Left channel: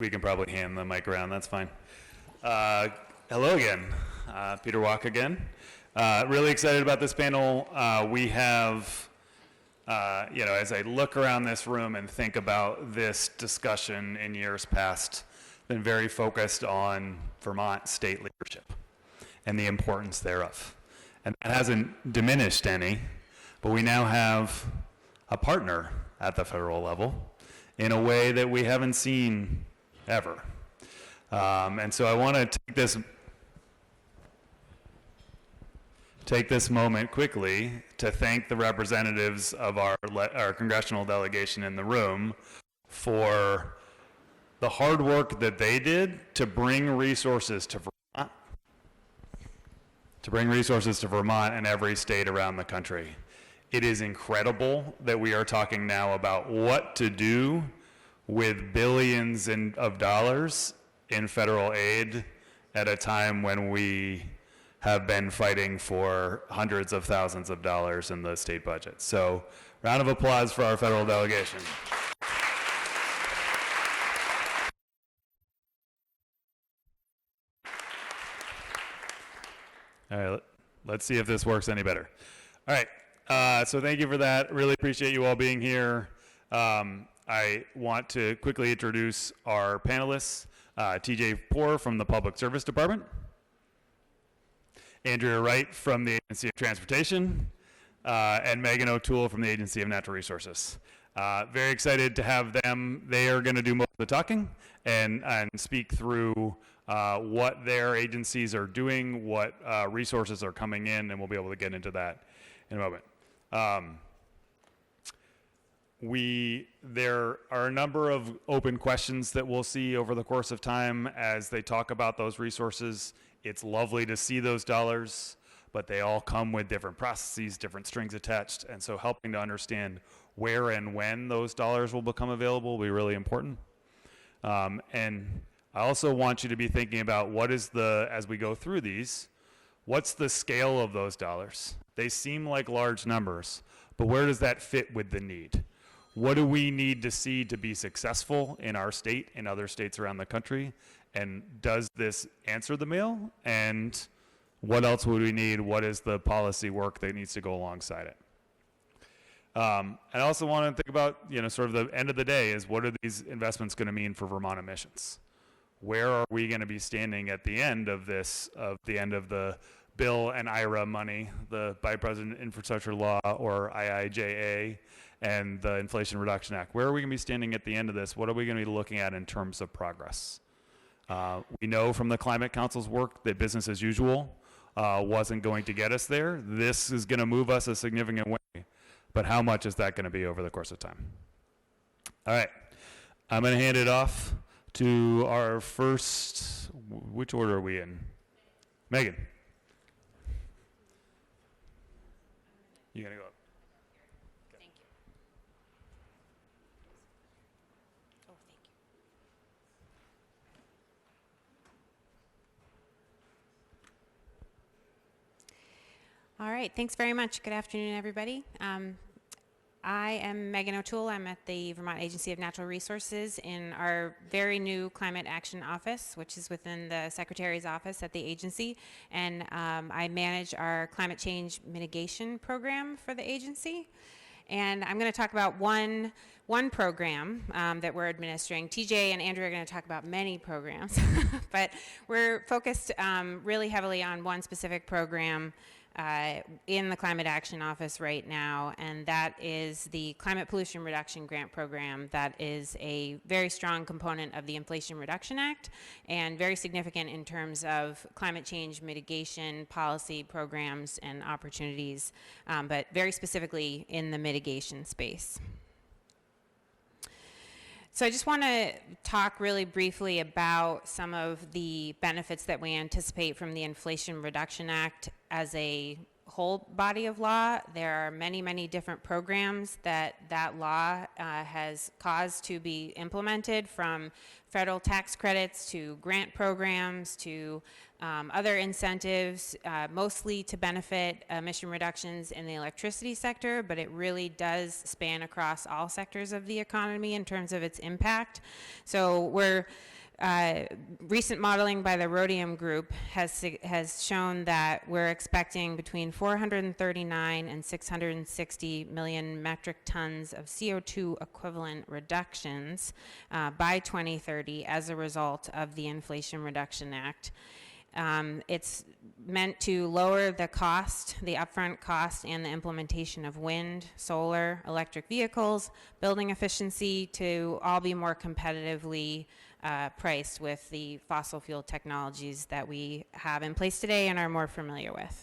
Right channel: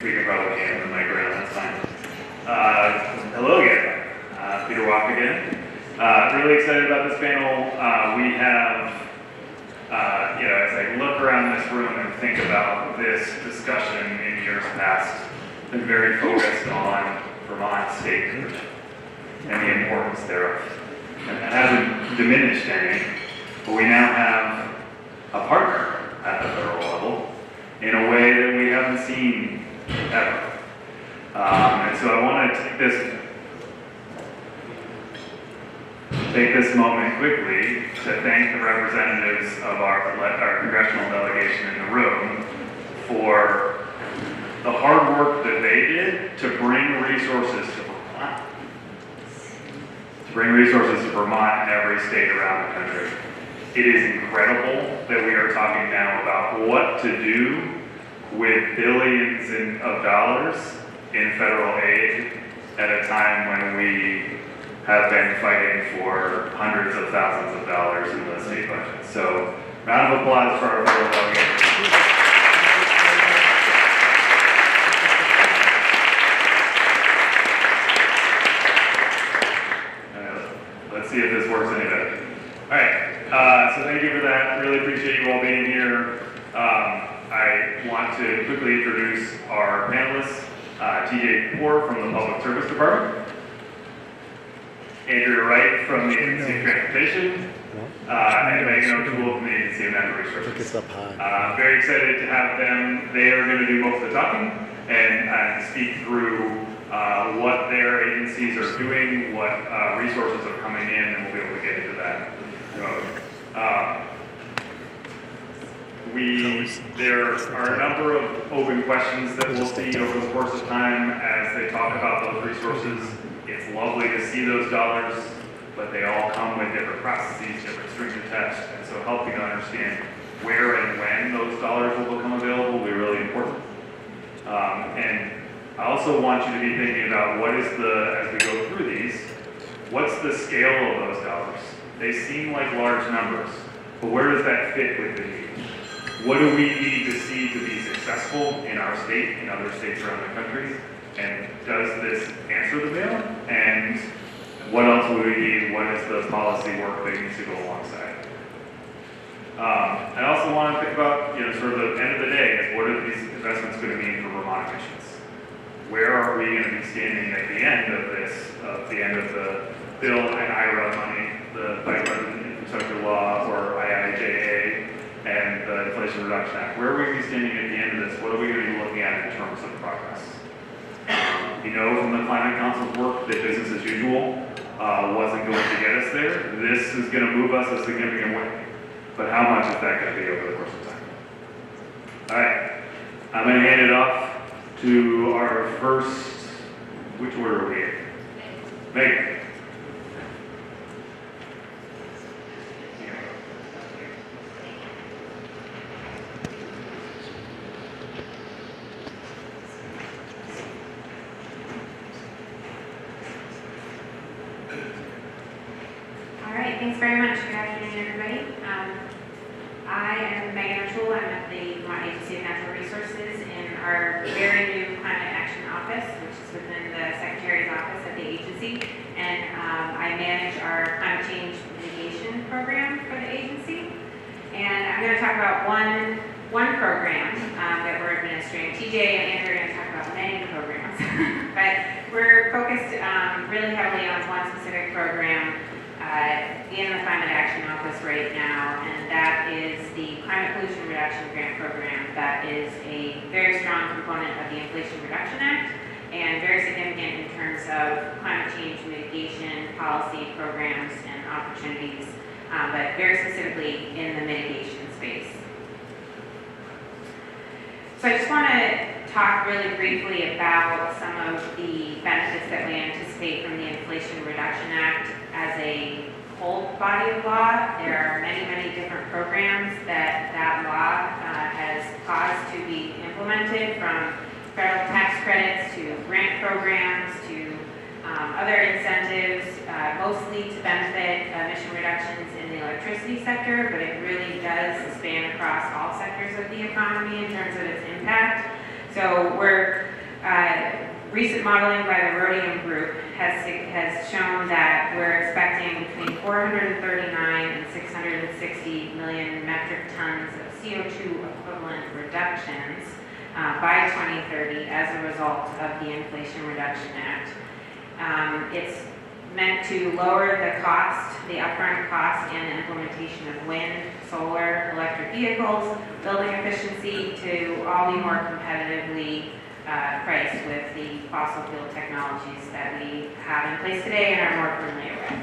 You can probably hand the mic around, that's fine. Hello again, Peter Walk again. Really excited about this panel. We have, as I look around this room and think about this discussion in years past, been very focused on Vermont state leadership and the importance thereof. And it hasn't diminished any, but we now have a partner at the federal level in a way that we haven't seen ever. And so I want to take this moment quickly to thank the representatives of our congressional delegation in the room for the hard work that they did to bring resources to Vermont. To bring resources to Vermont and every state around the country. It is incredible that we are talking now about what to do with billions of dollars in federal aid at a time when we have been fighting for hundreds of thousands of dollars in the state budget. So, round of applause for our federal delegation. Let's see if this works any better. All right, so thank you for that. Really appreciate you all being here. I want to quickly introduce our panelists. TJ Poor from the Public Service Department. Andrea Wright from the Agency of Transportation. And Megan O'Toole from the Agency of Natural Resources. Very excited to have them. They are going to do most of the talking and speak through what their agencies are doing, what resources are coming in, and we'll be able to get into that. There are a number of open questions that we'll see over the course of time as they talk about those resources. It's lovely to see those dollars, but they all come with different processes, different strings attached, and so helping to understand where and when those dollars will become available will be really important. And I also want you to be thinking about as we go through these, what's the scale of those dollars? They seem like large numbers, but where does that fit with the need? What do we need to see to be successful in our state, in other states around the country? And does this answer the bill? And what else would we need? What is the policy work that needs to go alongside? I also want to think about, sort of the end of the day is what are these investments going to mean for Vermont emissions? Where are we going to be standing at the end of this, the end of the bill and IRA money, the Bipartisan Infrastructure Law, or IIJA, and the Inflation Reduction Act? Where are we going to be standing at the end of this? What are we going to be looking at in terms of progress? We know from the Climate Council's work that business as usual wasn't going to get us there. This is going to move us a significant way. But how much is that going to be over the course of time? All right. I'm going to hand it off to our first, which order are we in? Megan. Thanks very much. Good afternoon, everybody. I am Megan O'Toole. I'm at the Vermont Agency of Natural Resources in our very new Climate Action Office, which is within the Secretary's office at the agency. And I manage our climate change mitigation program for the agency. And I'm going to talk about one program that we're administering. TJ and Andrew are going to talk about many programs. But we're focused really heavily on one specific program in the Climate Action Office right now, and that is the Climate Pollution Reduction Grant Program. That is a very strong component of the Inflation Reduction Act and very significant in terms of climate change mitigation, policy programs, and opportunities, but very specifically in the mitigation space. So I just want to talk really briefly about some of the benefits that we anticipate from the Inflation Reduction Act as a whole body of law. There are many, many different programs that law has caused to be implemented, from federal tax credits to grant programs to other incentives, mostly to benefit emission reductions in the electricity sector, but it really does span across all sectors of the economy in terms of its impact. So recent modeling by the Rhodium Group has shown that we're expecting between 439 and 660 million metric tons of CO2 equivalent reductions by 2030 as a result of the Inflation Reduction Act. It's meant to lower the cost, the upfront cost and the implementation of wind, solar, electric vehicles, building efficiency to all be more competitively priced with the fossil fuel technologies that we have in place today and are more familiar with.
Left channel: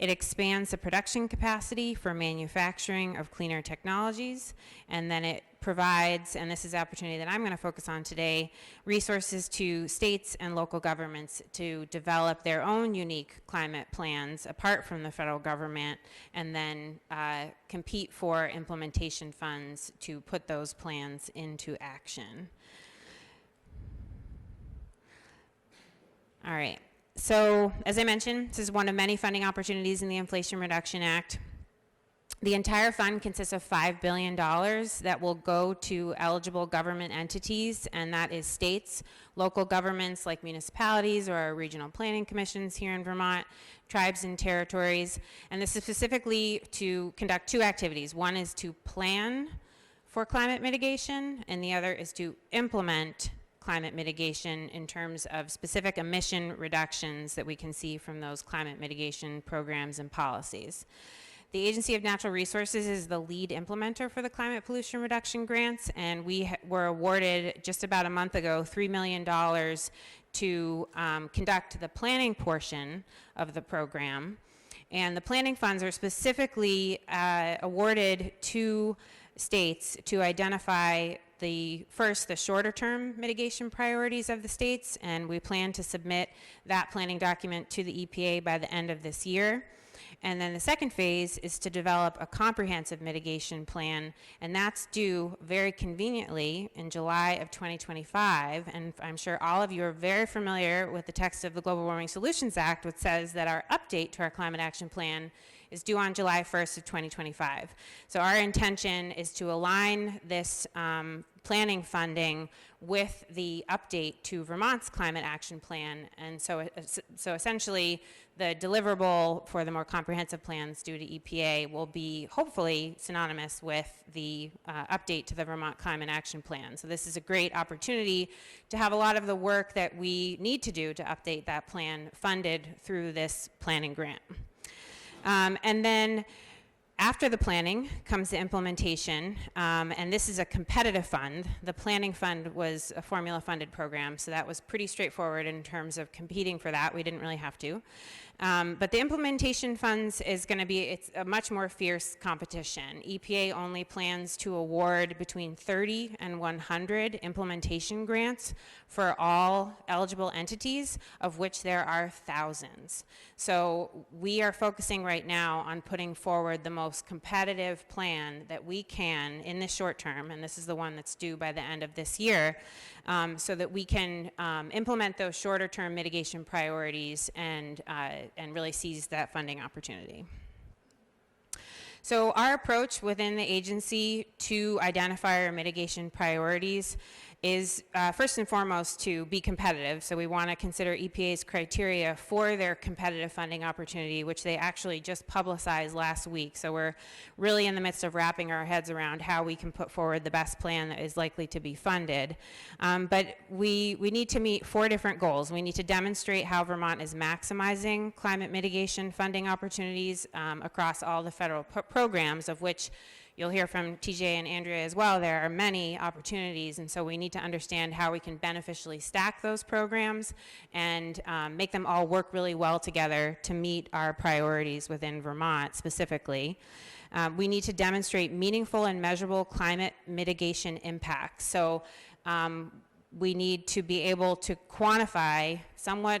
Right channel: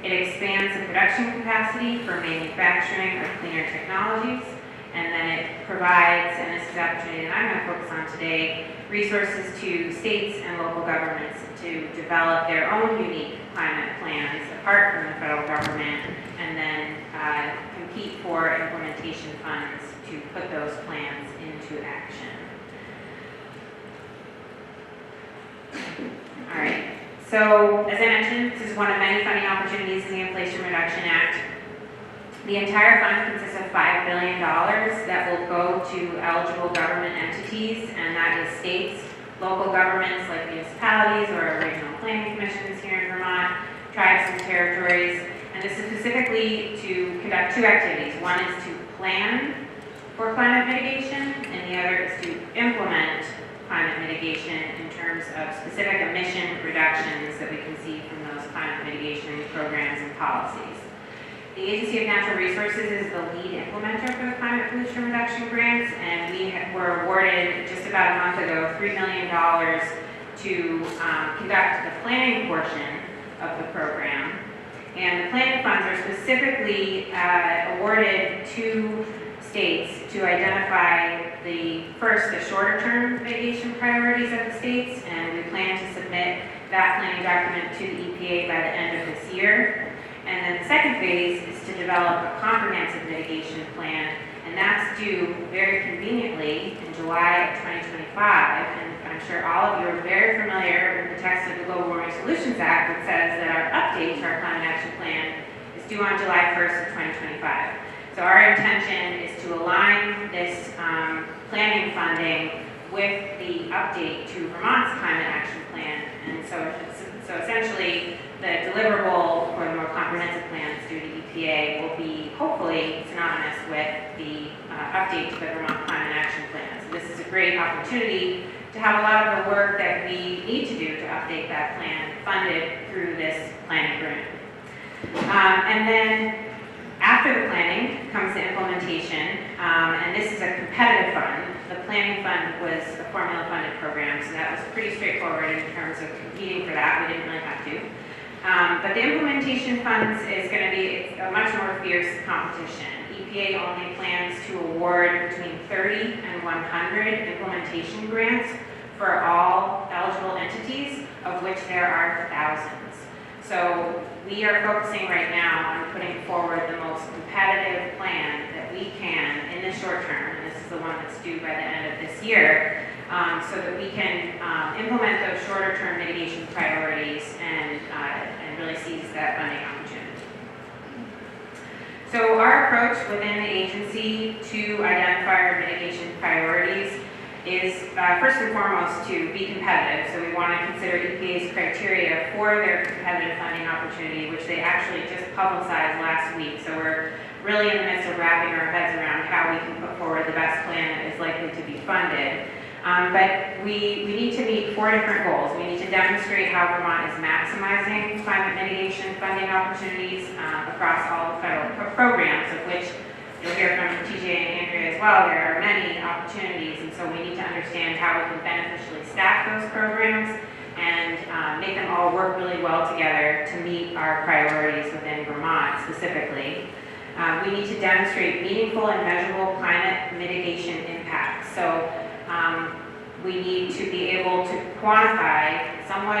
It expands the production capacity for manufacturing of cleaner technologies, and then it provides, and this is the opportunity that I'm going to focus on today, resources to states and local governments to develop their own unique climate plans apart from the federal government, and then compete for implementation funds to put those plans into action. All right, so as I mentioned, this is one of many funding opportunities in the Inflation Reduction Act. The entire fund consists of $5 billion that will go to eligible government entities, and that is states, local governments like municipalities or regional planning commissions here in Vermont, tribes and territories, and this is specifically to conduct two activities. One is to plan for climate mitigation, and the other is to implement climate mitigation in terms of specific emission reductions that we can see from those climate mitigation programs and policies. The Agency of Natural Resources is the lead implementer for the climate pollution reduction grants, and we were awarded just about a month ago $3 million to conduct the planning portion of the program. And the planning funds are specifically awarded to states to identify the shorter term mitigation priorities of the states, and we plan to submit that planning document to the EPA by the end of this year. And then the second phase is to develop a comprehensive mitigation plan, and that's due very conveniently in July of 2025. And I'm sure all of you are very familiar with the text of the Global Warming Solutions Act that says that our update to our climate action plan is due on July 1st of 2025. So our intention is to align this planning funding with the update to Vermont's climate action plan. And so essentially, the deliverable for the more comprehensive plans due to EPA will be hopefully synonymous with the update to the Vermont Climate Action Plan. So this is a great opportunity to have a lot of the work that we need to do to update that plan funded through this planning grant. And then after the planning comes the implementation, and this is a competitive fund. The planning fund was a formula-funded program, so that was pretty straightforward in terms of competing for that. We didn't really have to. But the implementation funds it's a much more fierce competition. EPA only plans to award between 30 and 100 implementation grants for all eligible entities, of which there are thousands. So we are focusing right now on putting forward the most competitive plan that we can in the short term, and this is the one that's due by the end of this year, so that we can implement those shorter term mitigation priorities and really seize that funding opportunity. So our approach within the agency to identify our mitigation priorities is first and foremost to be competitive. So we want to consider EPA's criteria for their competitive funding opportunity, which they actually just publicized last week. So we're really in the midst of wrapping our heads around how we can put forward the best plan that is likely to be funded. But we need to meet 4 different goals. We need to demonstrate how Vermont is maximizing climate mitigation funding opportunities across all the federal programs, of which you'll hear from TJ and Andrea as well. There are many opportunities, and so we need to understand how we can beneficially stack those programs and make them all work really well together to meet our priorities within Vermont specifically. We need to demonstrate meaningful and measurable climate mitigation impacts. So we need to be able to quantify somewhat,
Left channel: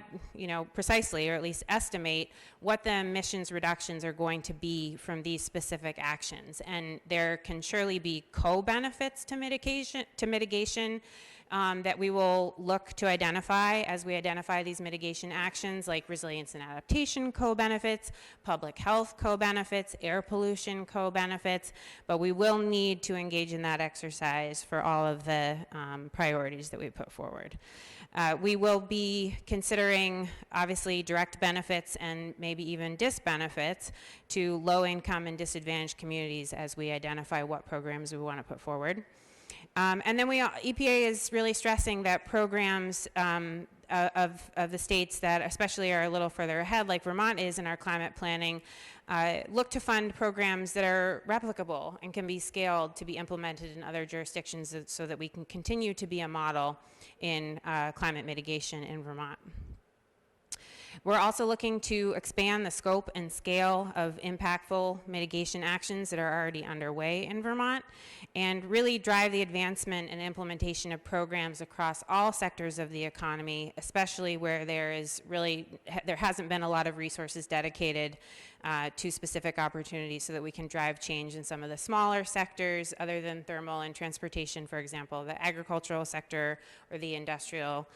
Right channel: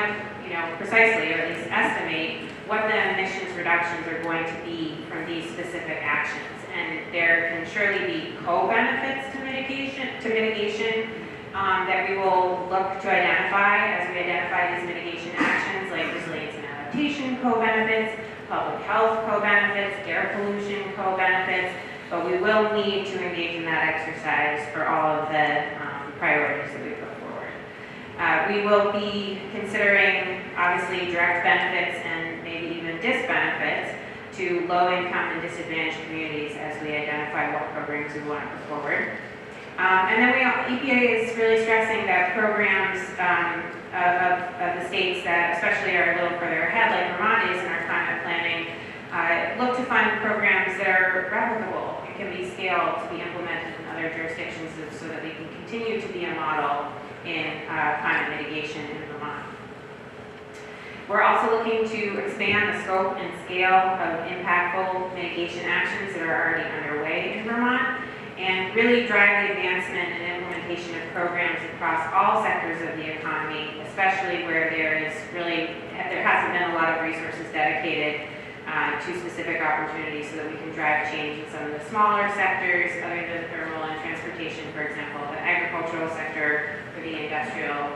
precisely, or at least estimate what the emissions reductions are going to be from these specific actions. And there can surely be co-benefits to mitigation that we will look to identify as we identify these mitigation actions, like resilience and adaptation co-benefits, public health co-benefits, air pollution co-benefits, but we will need to engage in that exercise for all of the priorities that we put forward. We will be considering, obviously, direct benefits and maybe even disbenefits to low-income and disadvantaged communities as we identify what programs we want to put forward. And then EPA is really stressing that programs of the states that especially are a little further ahead, like Vermont is in our climate planning, look to fund programs that are replicable and can be scaled to be implemented in other jurisdictions so that we can continue to be a model in climate mitigation in Vermont. We're also looking to expand the scope and scale of impactful mitigation actions that are already underway in Vermont, and really drive the advancement and implementation of programs across all sectors of the economy, especially where there hasn't been a lot of resources dedicated to specific opportunities so that we can drive change in some of the smaller sectors other than thermal and transportation, for example, the agricultural sector or the industrial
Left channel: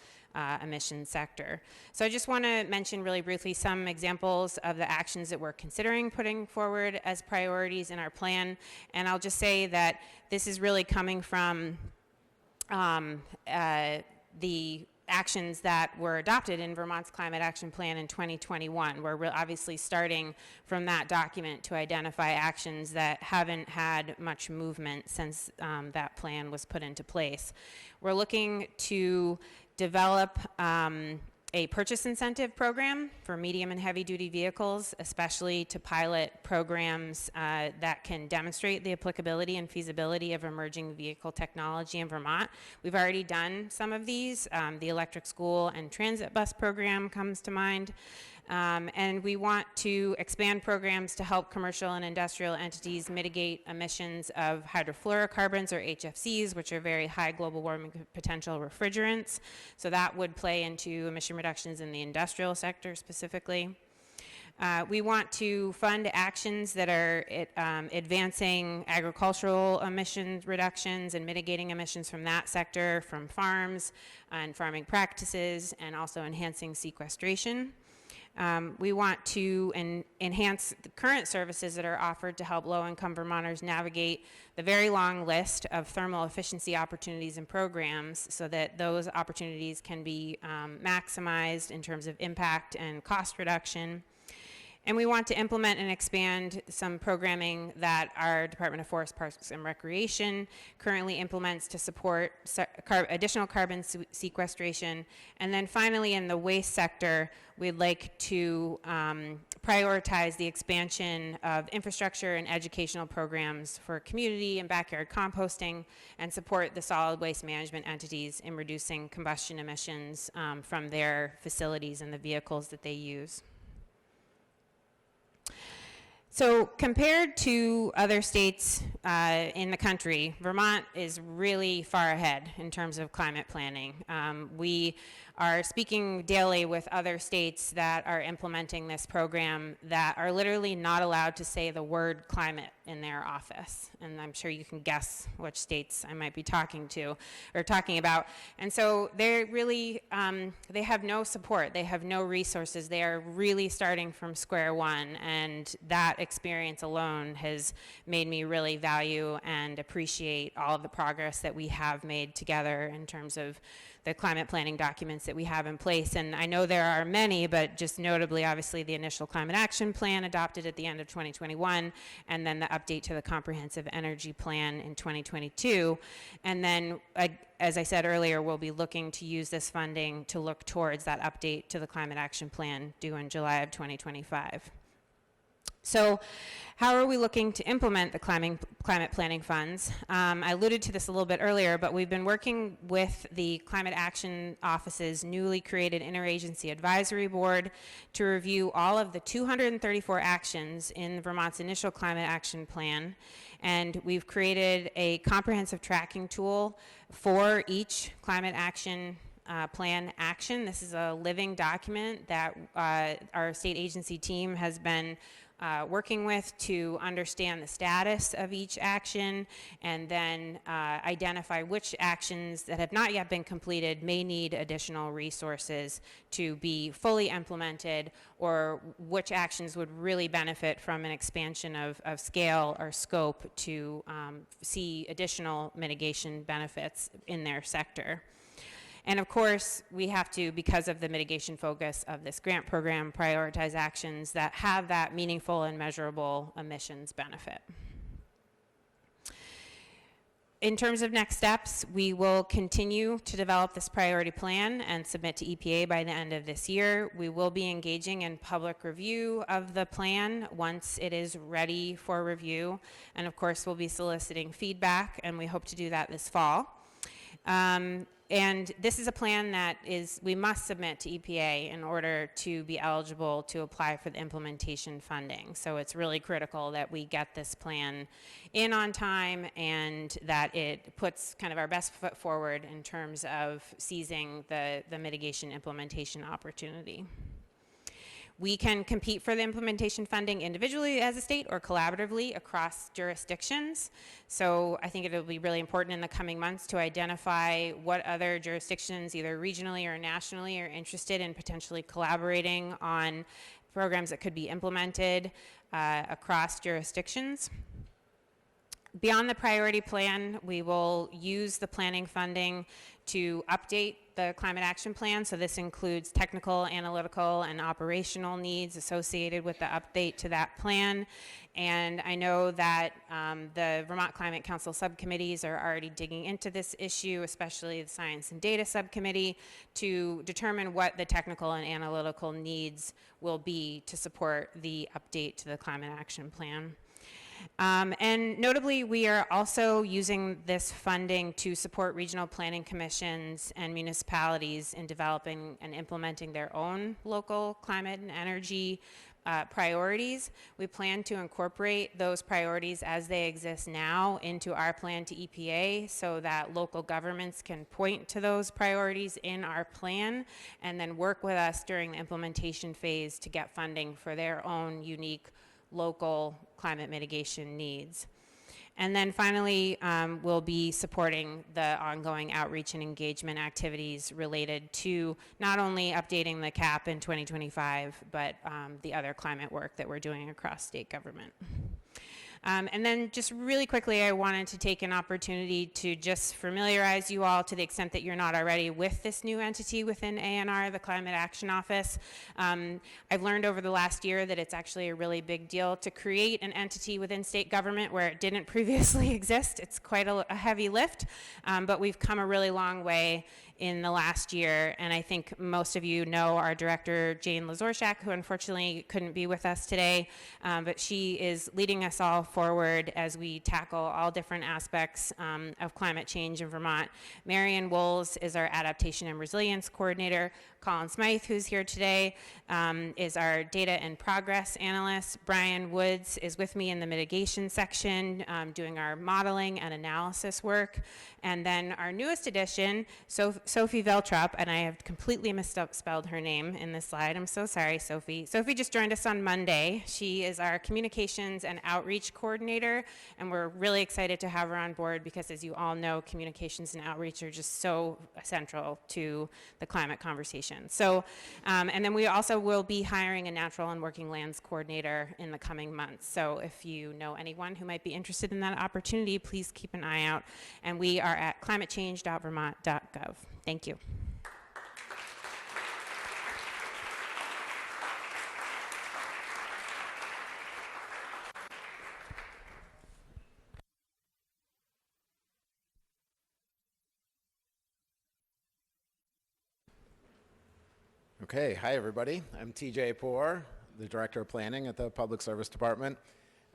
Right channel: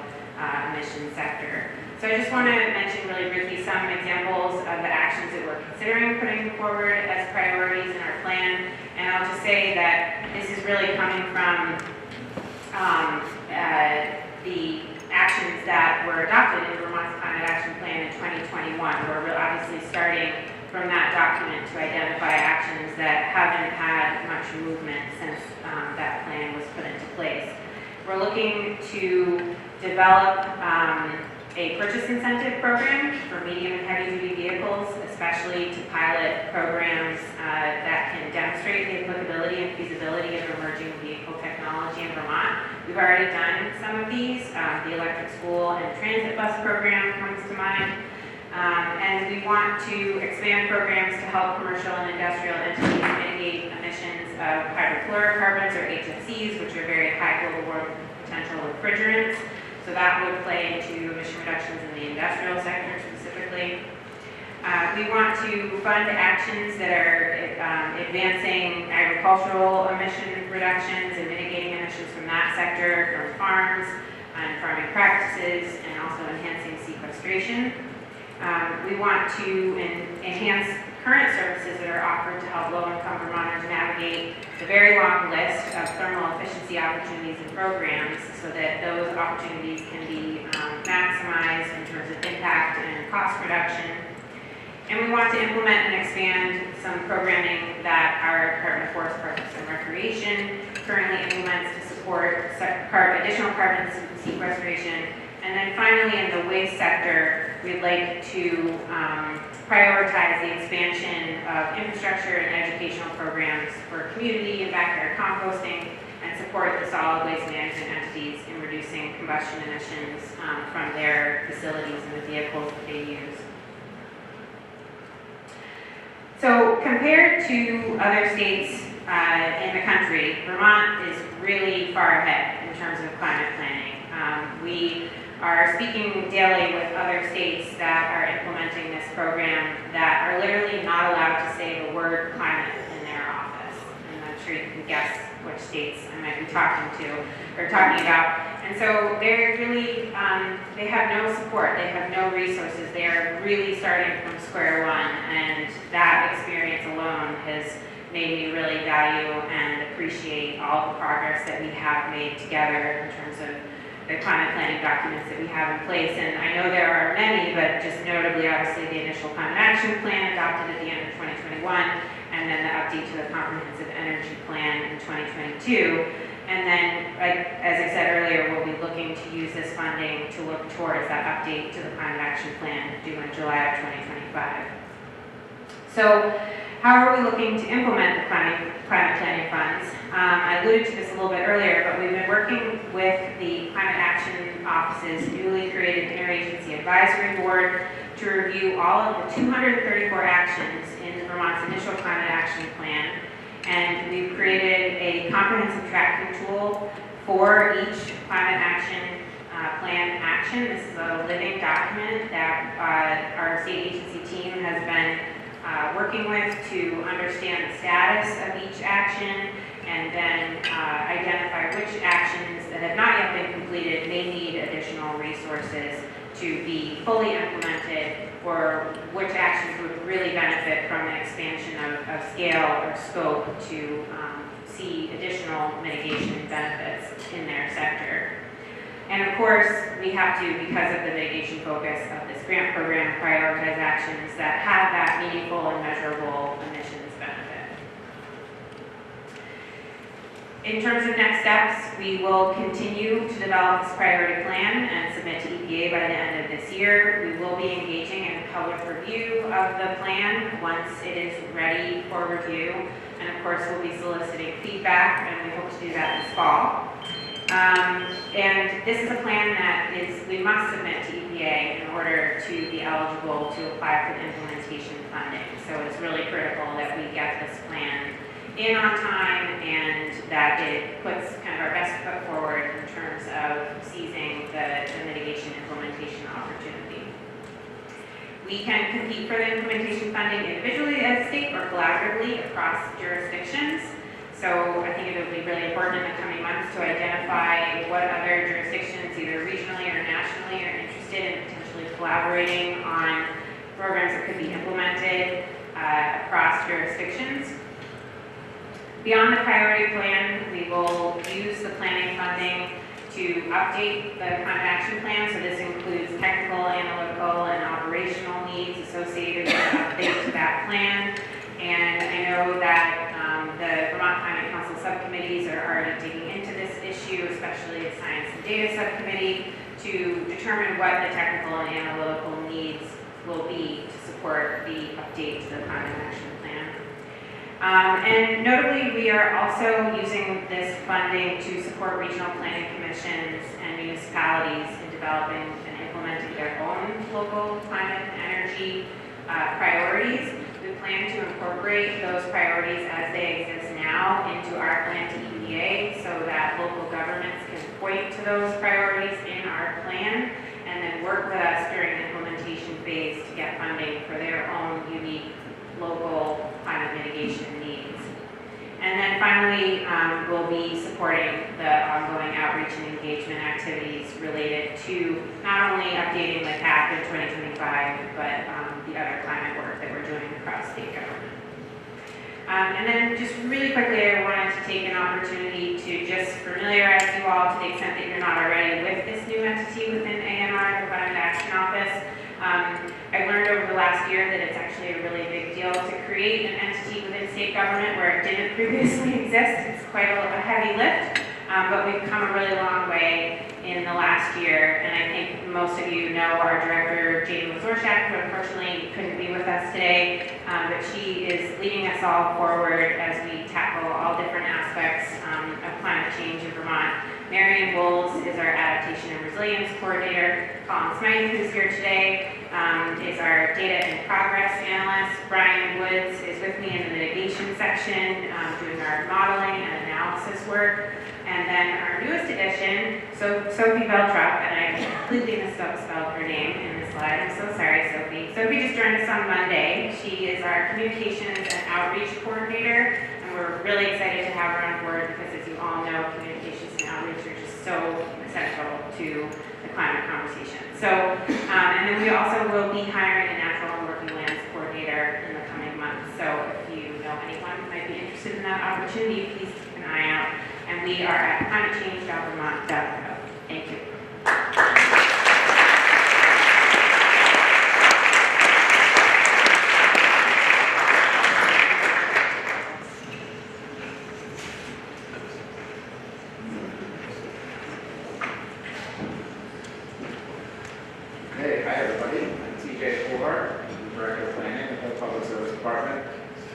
emissions sector. So I just want to mention really briefly some examples of the actions that we're considering putting forward as priorities in our plan. And I'll just say that this is really coming from the actions that were adopted in Vermont's Climate Action Plan in 2021. We're obviously starting from that document to identify actions that haven't had much movement since that plan was put into place. We're looking to develop a purchase incentive program for medium and heavy duty vehicles, especially to pilot programs that can demonstrate the applicability and feasibility of emerging vehicle technology in Vermont. We've already done some of these. The electric school and transit bus program comes to mind. And we want to expand programs to help commercial and industrial entities mitigate emissions of hydrofluorocarbons or HFCs, which are very high global warming potential refrigerants. So that would play into emission reductions in the industrial sector specifically. We want to fund actions that are advancing agricultural emission reductions and mitigating emissions from that sector, from farms and farming practices, and also enhancing sequestration. We want to enhance current services that are offered to help low-income Vermonters navigate the very long list of thermal efficiency opportunities and programs so that those opportunities can be maximized in terms of impact and cost reduction. And we want to implement and expand some programming that our Department of Forest, Parks, and Recreation currently implements to support additional carbon sequestration. And then finally, in the waste sector, we'd like to prioritize the expansion of infrastructure and educational programs for community and backyard composting and support the solid waste management entities in reducing combustion emissions from their facilities and the vehicles that they use. So compared to other states in the country, Vermont is really far ahead in terms of climate planning. We are speaking daily with other states that are implementing this program that are literally not allowed to say the word climate in their office. And I'm sure you can guess which states I might be talking about. And so they're really, they have no support, they have no resources, they are really starting from square one, and that experience alone has made me really value and appreciate all the progress that we have made together in terms of the climate planning documents that we have in place. And I know there are many, but just notably, obviously, the initial climate action plan adopted at the end of 2021, and then the update to the comprehensive energy plan in 2022. And then, as I said earlier, we'll be looking to use this funding to look towards that update to the climate action plan due in July of 2025. So, how are we looking to implement the climate planning funds? I alluded to this a little bit earlier, but we've been working with the Climate Action Office's newly created Interagency Advisory Board to review all of the 234 actions in Vermont's initial Climate Action Plan. And we've created a comprehensive tracking tool for each Climate Action Plan action. This is a living document that our state agency team has been working with to understand the status of each action and then identify which actions that have not yet been completed may need additional resources to be fully implemented, or which actions would really benefit from an expansion of scale or scope to see additional mitigation benefits in their sector. And of course, we have to, because of the mitigation focus of this grant program, prioritize actions that have that meaningful and measurable emissions benefit. In terms of next steps, we will continue to develop this priority plan and submit to EPA by the end of this year. We will be engaging in public review of the plan once it is ready for review. And of course, we'll be soliciting feedback, and we hope to do that this fall. And this is a plan that we must submit to EPA in order to be eligible to apply for the implementation funding. So it's really critical that we get this plan in on time and that it puts kind of our best foot forward in terms of seizing the mitigation implementation opportunity. We can compete for the implementation funding individually as a state or collaboratively across jurisdictions. So I think it will be really important in the coming months to identify what other jurisdictions, either regionally or nationally, are interested in potentially collaborating on programs that could be implemented across jurisdictions. Beyond the priority plan, we will use the planning funding to update the climate action plan. So this includes technical, analytical, and operational needs associated with an update to that plan. And I know that the Vermont Climate Council subcommittees are already digging into this issue, especially the Science and Data Subcommittee, to determine what the technical and analytical needs will be to support the update to the climate action plan. And notably, we are also using this funding to support regional planning commissions and municipalities in developing and implementing their own local climate and energy priorities. We plan to incorporate those priorities as they exist now into our plan to EPA so that local governments can point to those priorities in our plan and then work with us during the implementation phase to get funding for their own unique local climate mitigation needs. And then finally, we'll be supporting the ongoing outreach and engagement activities related to not only updating the CAP in 2025, but the other climate work that we're doing across state government. And then just really quickly, I wanted to take an opportunity to just familiarize you all, to the extent that you're not already, with this new entity within ANR, the Climate Action Office. I've learned over the last year that it's actually a really big deal to create an entity within state government where it didn't previously exist. It's quite a heavy lift, but we've come a really long way in the last year, and I think most of you know our director, Jane Lazorchak, who unfortunately couldn't be with us today, but she is leading us all forward as we tackle all different aspects of climate change in Vermont. Marion Wolves is our Adaptation and Resilience Coordinator. Colin Smythe, who's here today, is our Data and Progress Analyst. Brian Woods is with me in the mitigation section, doing our modeling and analysis work. And then our newest addition, Sophie Veltrup, and I completely misspelled her name in this slide. I'm so sorry, Sophie. Sophie just joined us on Monday. She is our Communications and Outreach Coordinator, and we're really excited to have her on board because, as you all know, communications and outreach are just so central to the climate conversation. So, and then we also will be hiring a natural and working lands coordinator in the coming months. So if you know anyone who might be interested in that opportunity, please keep an eye out. And we are at climatechange.vermont.gov. Thank you. Okay, hi everybody. I'm TJ Fuller. I'm the Director of Planning at the Public Service Department.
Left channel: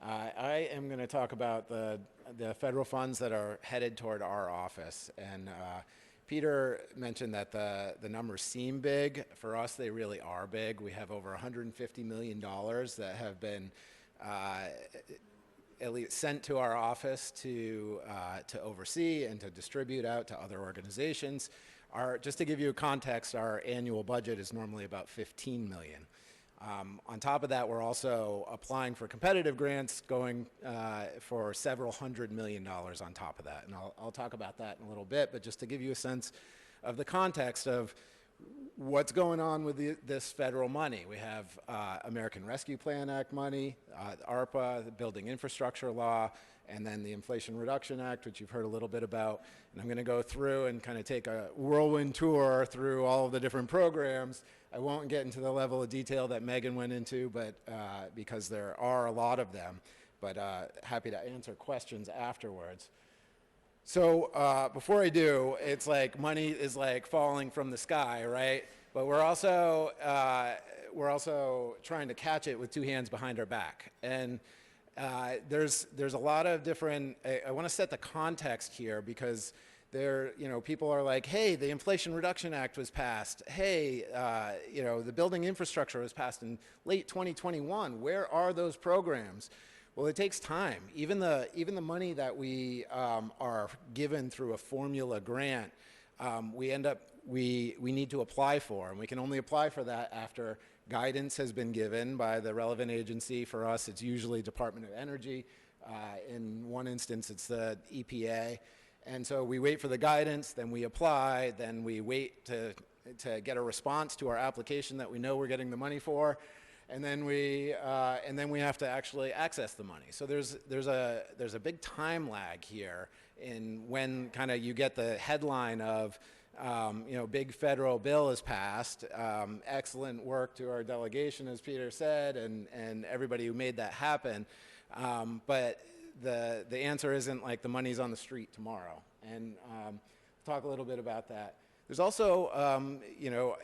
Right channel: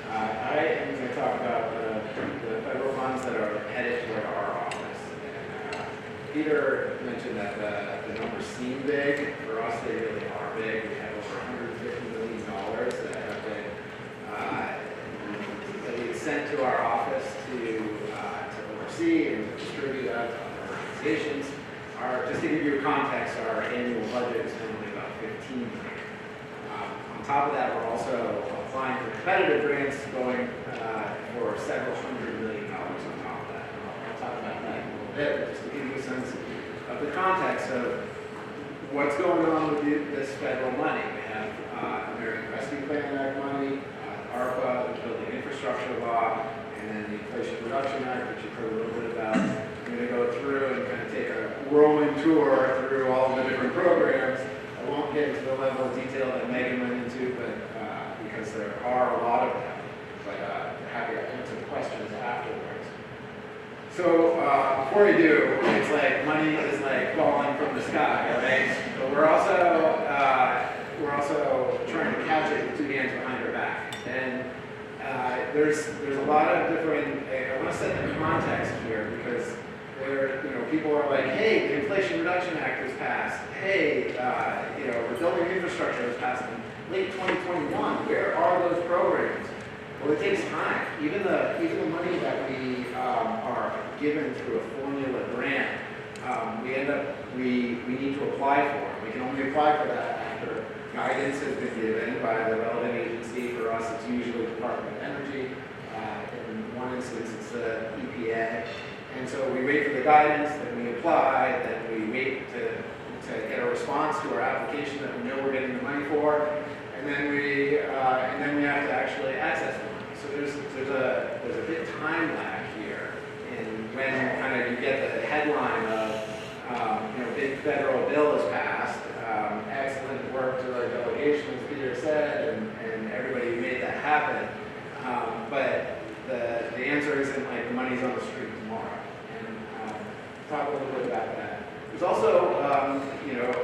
I am going to talk about the federal funds that are headed toward our office. And Peter mentioned that the numbers seem big. For us, they really are big. We have over $150 million that have been that we've sent to our office to oversee and to distribute out to other organizations. Just to give you context, our annual budget is normally about $15 million. On top of that, we're also applying for competitive grants going for several $100 million on top of that. I'll talk about that in a little bit, but just to give you a sense of the context of what's going on with this federal money. We have American Rescue Plan Act money, ARPA, the Building Infrastructure Law, and and then the Inflation Reduction Act, which you've heard a little bit about. I'm going to go through and kind of take a whirlwind tour through all the different programs. I won't get into the level of detail that Megan went into, but because there are a lot of them. But happy to answer questions afterwards. So before we do, it's like money is like falling from the sky, right? But we're also trying to catch it with two hands behind our back. And there's a lot of different. I want to set the context here because people are like, hey, the Inflation Reduction Act was passed. Hey, the building infrastructure was passed in late 2021. Where are those programs? Well, it takes time. Even the money that we are given through a formula grant, we need to apply for. We can only apply for that after guidance has been given by the relevant agency. For us, it's usually the Department of Energy. In one instance, it's the EPA. And so we wait for the guidance, then we apply, then we wait to get a response to our application that we know we're getting the money for, and then we have to actually access the money. So there's a big time lag here in when kind of you get the headline of big federal bill is passed. Excellent work to our delegation, as Peter said, and everybody who made that happen. But the answer isn't like the money's on the street tomorrow. Talk a little bit about that. There's also,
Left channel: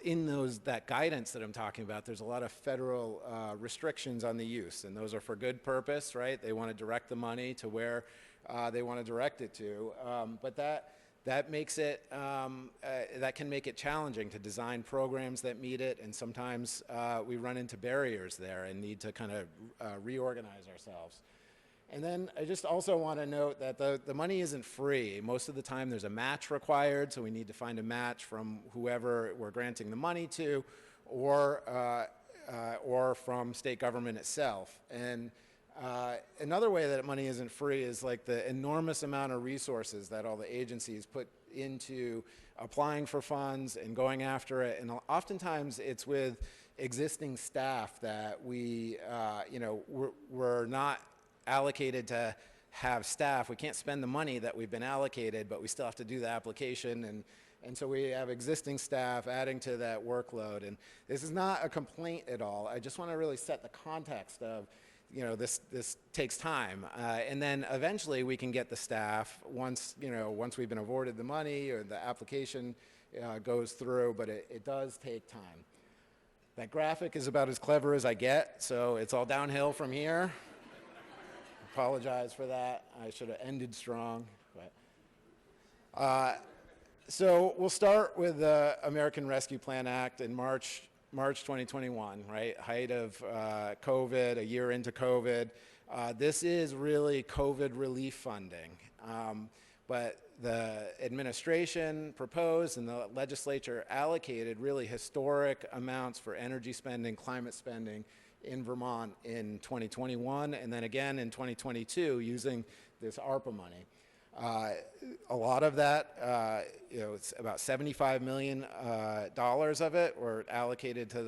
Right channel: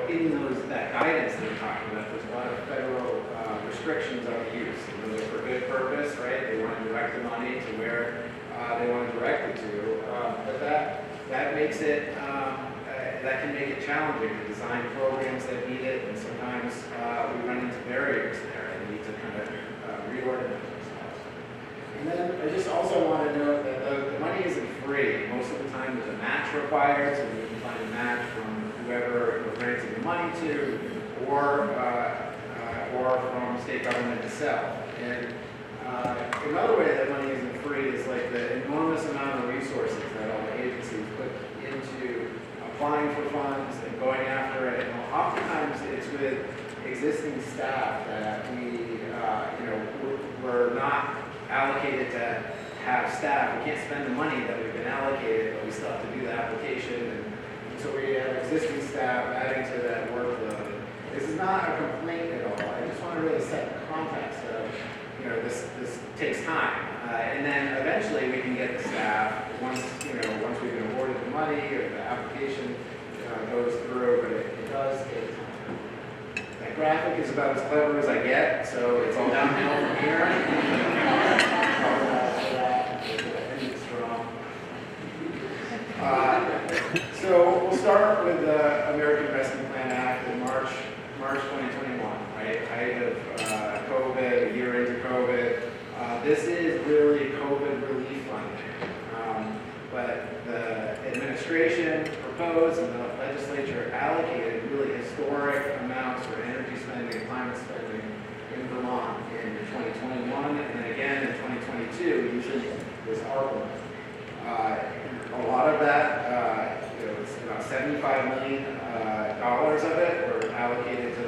in that guidance that we're talking about, there's a lot of federal restrictions on the use. And those are for good purpose, right? They want to direct the money to where they want to direct it to. But that makes it, that can make it challenging to design programs that meet it, and sometimes we run into barriers there and need to kind of reorganize ourselves. And then I just also want to note that the money isn't free. Most of the time there's a match required, so we can find a match from whoever we're granting the money to, or from state government itself. And another way that money isn't free is like the enormous amount of resources that all the agencies put into applying for funds and going after it. And oftentimes it's with existing staff that we're not allocated to have staff. We can't spend the money that we've been allocated, but we still have to do the application. And so we have existing staff adding to that workload. This is not a complaint at all. I just want to really set the context of, this takes time. And then eventually we can get the staff once we've been awarded the money or the application goes through, but it does take time. That graphic is about as clever as I get, so it's all downhill from here. So we'll start with the American Rescue Plan Act in March 2021, right? Height of COVID, a year into COVID. This is really COVID relief funding. But the administration proposed and the legislature allocated really historic amounts for energy spending, climate spending in Vermont in 2021 and then again in 2022 using this ARPA. A lot of that, it's about $75 million of it were allocated to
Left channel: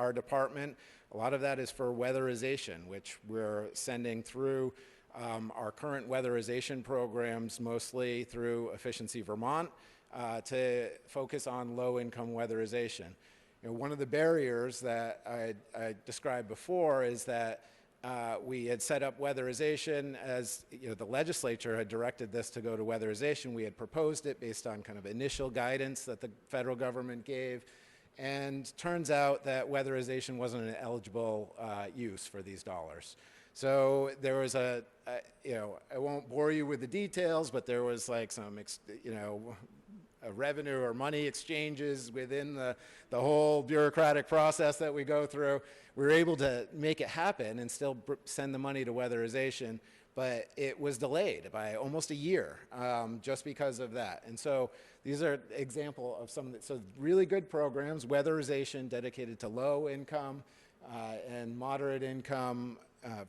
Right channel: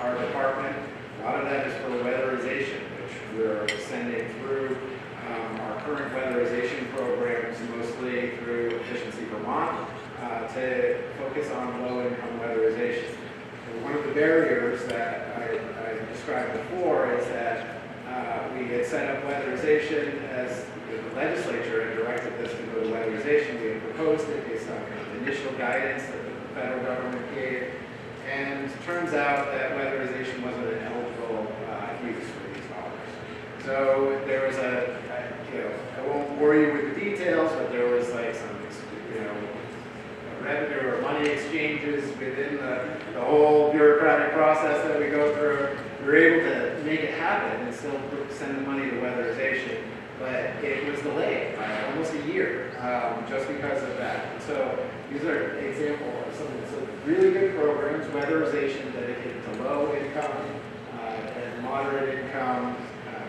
our department. A lot of that is for weatherization, which we're sending through our current weatherization programs, mostly through Efficiency Vermont, to focus on low-income weatherization. And one of the barriers that I described before is that we had set up weatherization as the legislature had directed us to go to weatherization. We had proposed it based on kind of initial guidance that the federal government gave. And it turns out that weatherization wasn't an eligible use for these dollars. So there was I won't bore you with the details, but there was like some, revenue or money exchanges within the whole bureaucratic process that we go through. We were able to make it happen and still send the money to weatherization, but it was delayed by almost a year just because of that. And so these are examples of some really good programs, weatherization dedicated to low income and moderate income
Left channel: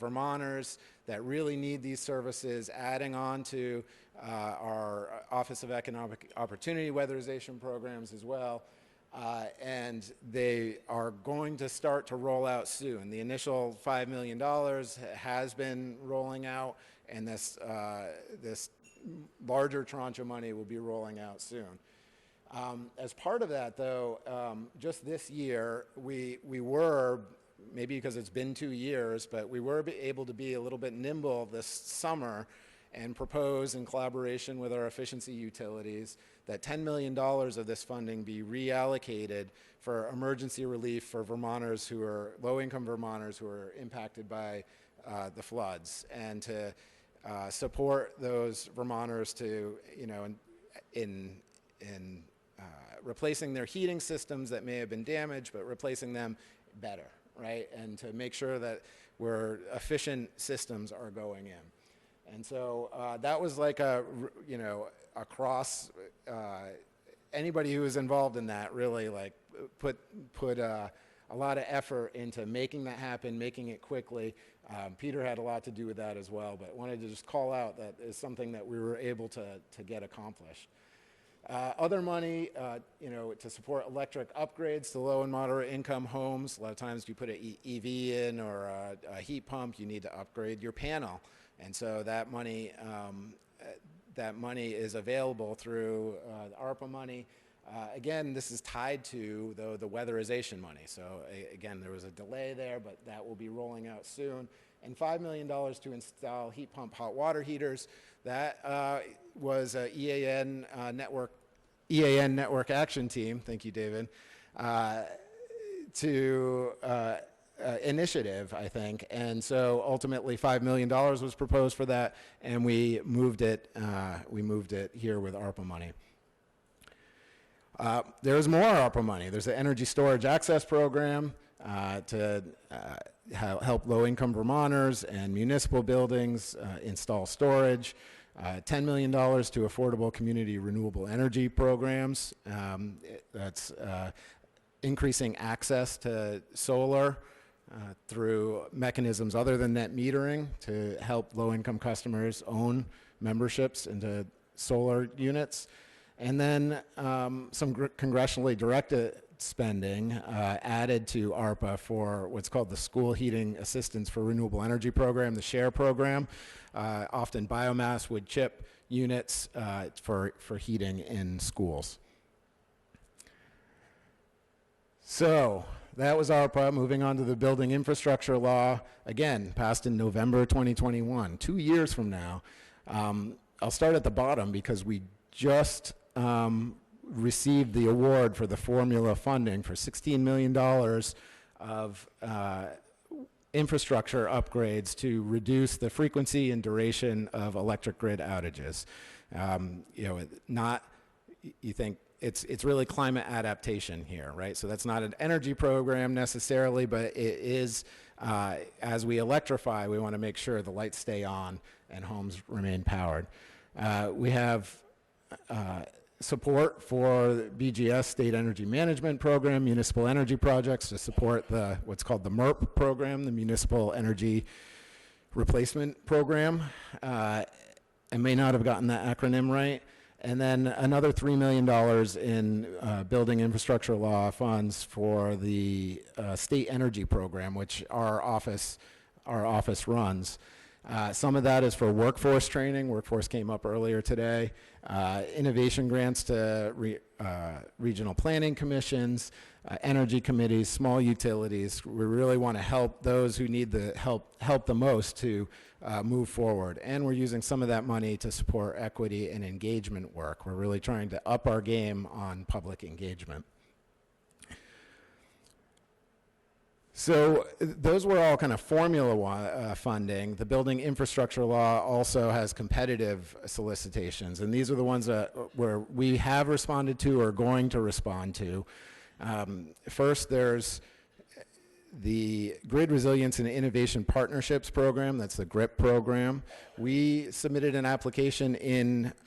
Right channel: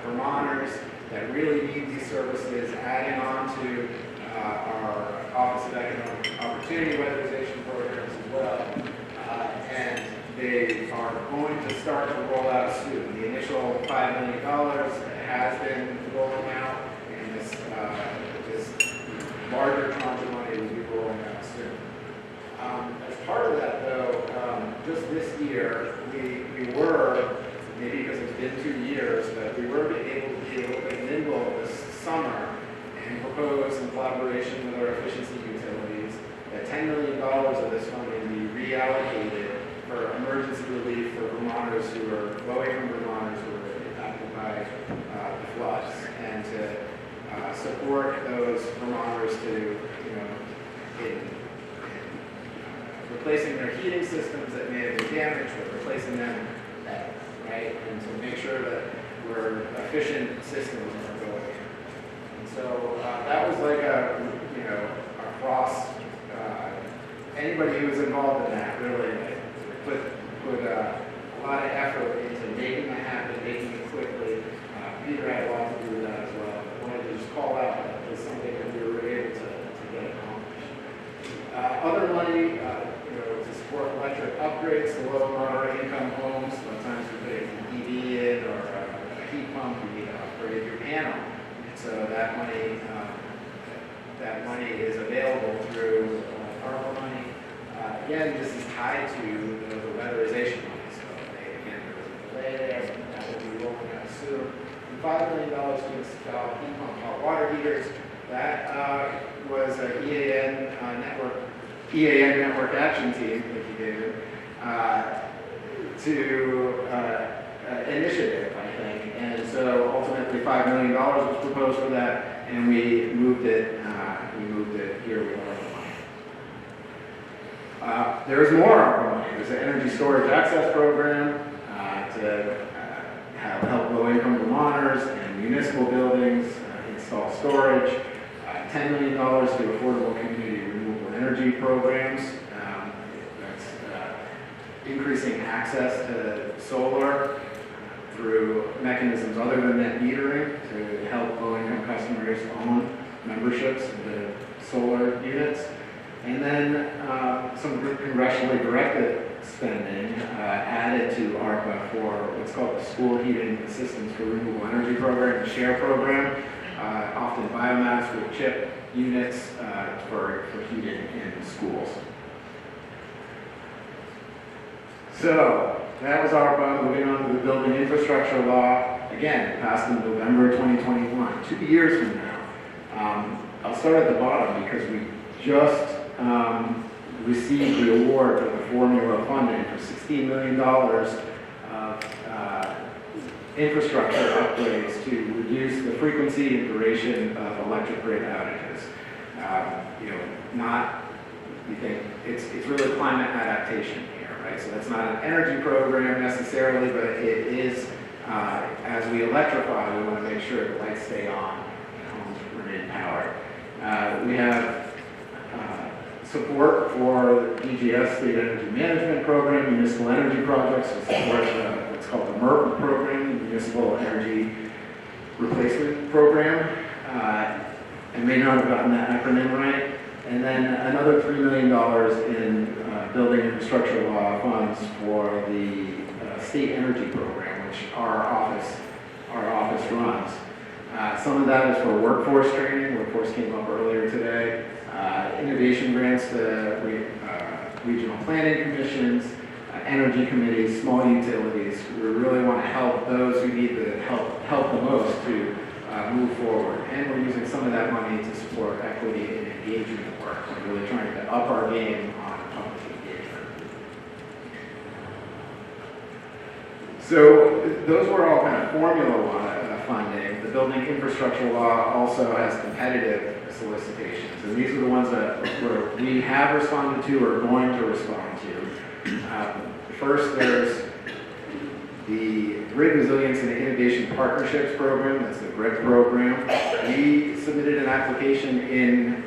Vermonters that really need these services, adding on to our Office of Economic Opportunity weatherization programs as well. And they are going to start to roll out soon. The initial $5 million has been rolling out in this this year, we were, maybe because it's been 2 years, but we were able to be a little bit nimble this summer and propose in collaboration with our efficiency utilities that $10 million of this funding be reallocated for emergency relief for Vermonters who are low-income Vermonters who are impacted by the floods, and to support those Vermonters to, in replacing their heating systems that may have been damaged, or replacing them, right, and to make sure that we're efficient systems are going. And so that was like across anybody who was involved in that really put a lot of effort into making that happen, making it quickly. Peter had a lot to do with that as well. I wanted to just call out that it was something that we were able to get accomplished. Other money, to support electric upgrades to low and moderate income homes. Sometimes we put an EV in or a heat pump, you need to upgrade your panel. And so that money is available through ARPA money. Again, this is tied to the weatherization money. So again, there was a delay there, but that will be rolling out soon. And $5 million to install heat pump hot water heaters. That was an EAN network action team, thank you, David, initiative, I think. And so ultimately $5 million was proposed for that, and we moved it here with ARPA money. There's more ARPA money. There's the Energy Storage Access Program to help low-income Vermonters and municipal buildings install storage. $10 million to affordable community renewable energy programs. That's increasing access to solar through mechanisms other than net metering to help low-income customers own memberships into solar units. And then some congressionally directed spending added to ARPA for what's called the School Heating Assistance for Renewable Energy Program, the SHARE program. Often biomass with chip units for heating in schools. So that was ARPA. Moving on to the building infrastructure law, again, passed in November 2021, 2 years from now. I'll start at the bottom because we just received the award for the formula funding for $16 million of infrastructure upgrades to reduce the frequency and duration of electric grid outages. You think it's really climate adaptation here, right? So that's not an energy program necessarily, but it is, as we electrify, we want to make sure the lights stay on and homes remain powered. We have support for BGS State Energy Management Program, municipal energy projects to support what's called the MERP program, the Municipal Energy Replacement Program. I may not have gotten that acronym right. And then another $3 million in building infrastructure law funds for the State Energy Program, which our office runs. Some of that is for workforce training. Workforce came up earlier today. Innovation grants to regional planning commissions, energy committees, small utilities. We really want to help those who need the help the most to move forward. And we're using some of that money to support equity and engagement work. We're really trying to up our game on public engagement. So those were all kind of formula funding. The building infrastructure law also has competitive solicitations, and these are the ones that we have responded to or are going to respond to. First, there's the Grid Resilience and Innovation Partnerships Program. That's the GRIP program. We submitted an application in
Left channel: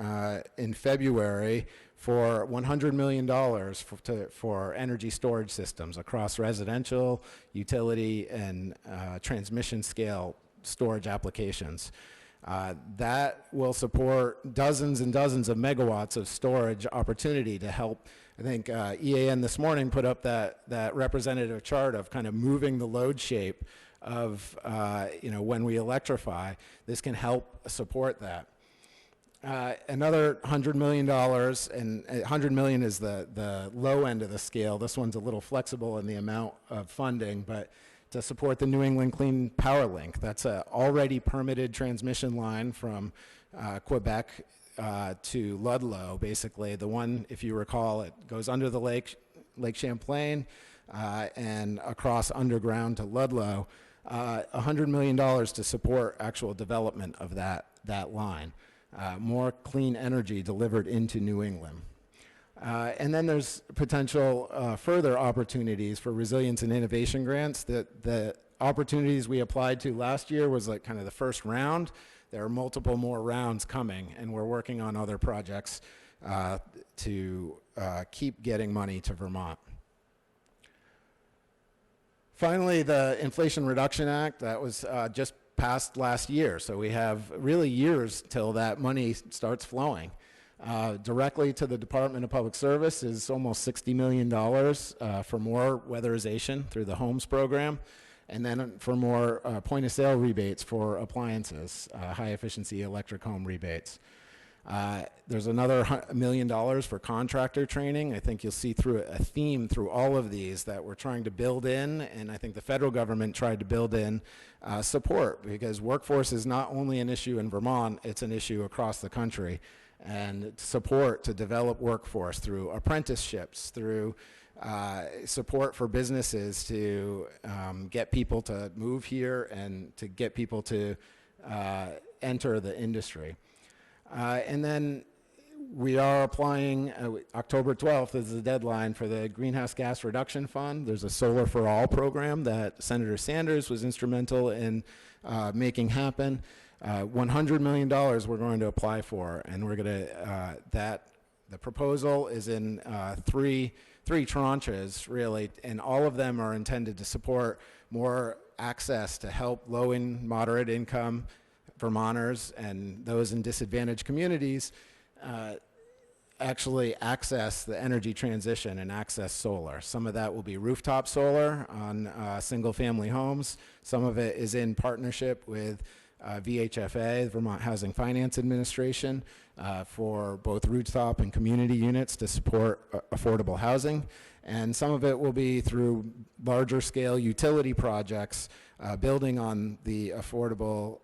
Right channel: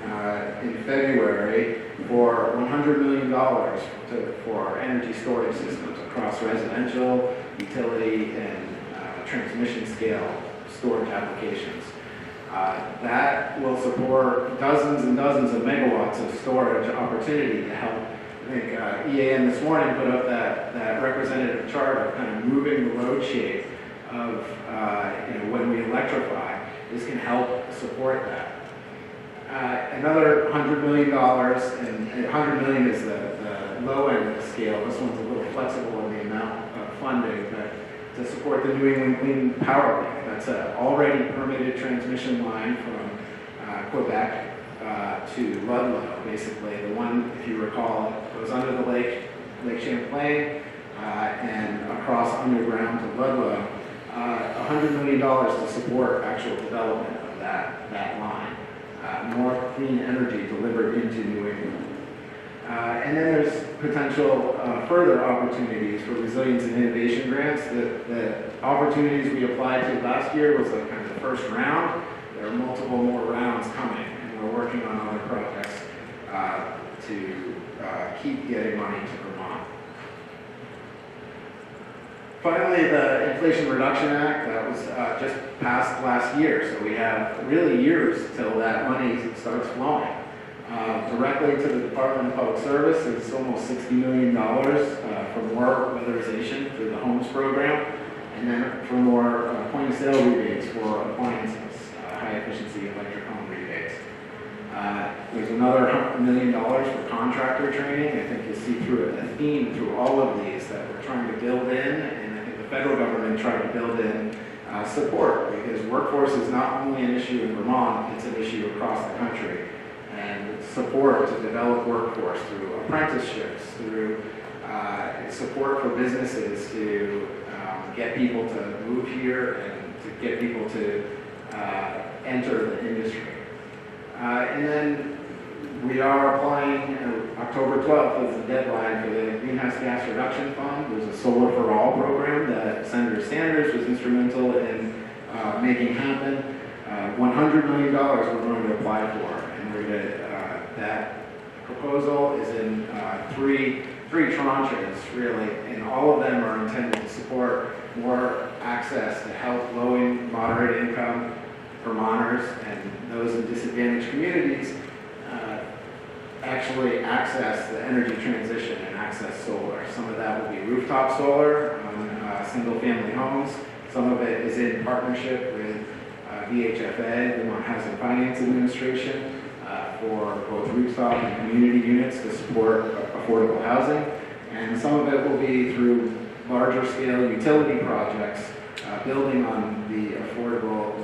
February for $100 million for energy storage systems across residential, utility, and transmission scale storage applications. That will support dozens and dozens of megawatts of storage opportunity to help. I think EAN this morning put up that representative chart of kind of moving the load shape of when we electrify. This can help support that. Another $100 million, and $100 million is the low end of the scale. This one's a little flexible in the amount of funding, but to support the New England Clean Power Link. That's an already permitted transmission line from Quebec to Ludlow, basically. The one, if you recall, goes under the Lake Champlain and across underground to Ludlow. $100 million to support actual development of that line. More clean energy delivered into New England. And then there's potential further opportunities for resilience and innovation grants. The opportunities we applied to last year was kind of the first round. There are multiple more rounds coming, and we're working on other projects to keep getting money to Vermont. Finally, the Inflation Reduction Act that was just passed last year, so we have really years till that money starts flowing. Directly to the Department of Public Service is almost $60 million for more weatherization through the homes program, and then for more point-of-sale rebates for appliances, high-efficiency electric home rebates. There's another $100 million for contractor training. I think you'll see through a theme through all of these that we're trying to build in, and I think the federal government tried to build in support, because workforce is not only an issue in Vermont, it's an issue across the country. And support to develop workforce through apprenticeships, through support for businesses to get people to move here and to get people to enter the industry. And then we are applying, October 12th is the deadline for the Greenhouse Gas Reduction Fund. There's a Solar for All program that Senator Sanders was instrumental in making happen. $100 million we're going to apply for, and we're going to, that proposal is in three tranches, really, and all of them are intended to support more access to help low and moderate income Vermonters and those in disadvantaged communities actually access the energy transition and access solar. Some of that will be rooftop solar on single-family homes. Some of it is in partnership with VHFA, Vermont Housing Finance Administration, for both rooftop and community units to support affordable housing. And some of it will be through larger scale utility projects, building on the affordable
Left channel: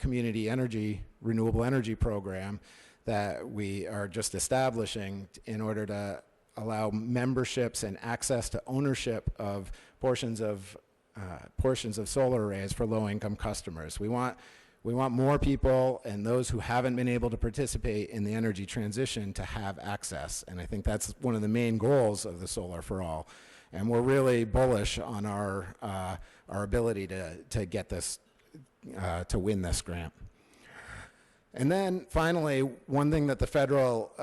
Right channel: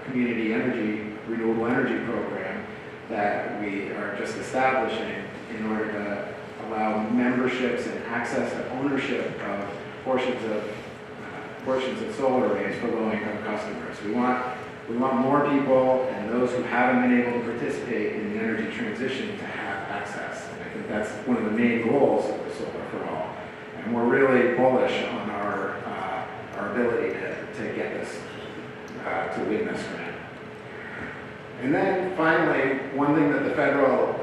community energy, renewable energy program that we are just establishing in order to allow memberships and access to ownership of portions of solar arrays for low-income customers. We want more people and those who haven't been able to participate in the energy transition to have access. And I think that's one of the main goals of the Solar for All. And we're really bullish on our ability to get this, to win this grant. And then finally, one thing that the federal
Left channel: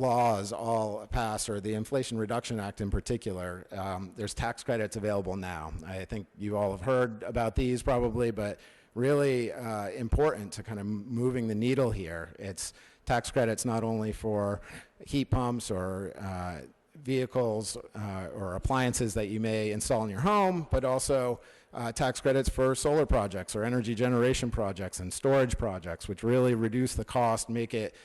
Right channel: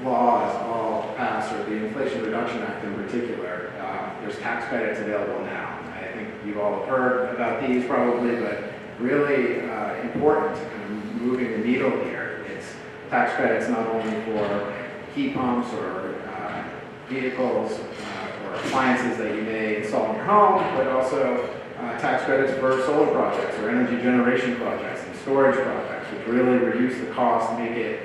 laws all pass, or the Inflation Reduction Act in particular, there's tax credits available now. I think you all have heard about these probably, but really important to kind of moving the needle here. It's tax credits not only for heat pumps or vehicles or appliances that you may install in your home, but also tax credits for solar projects or energy generation projects and storage projects, which really reduce the cost, make it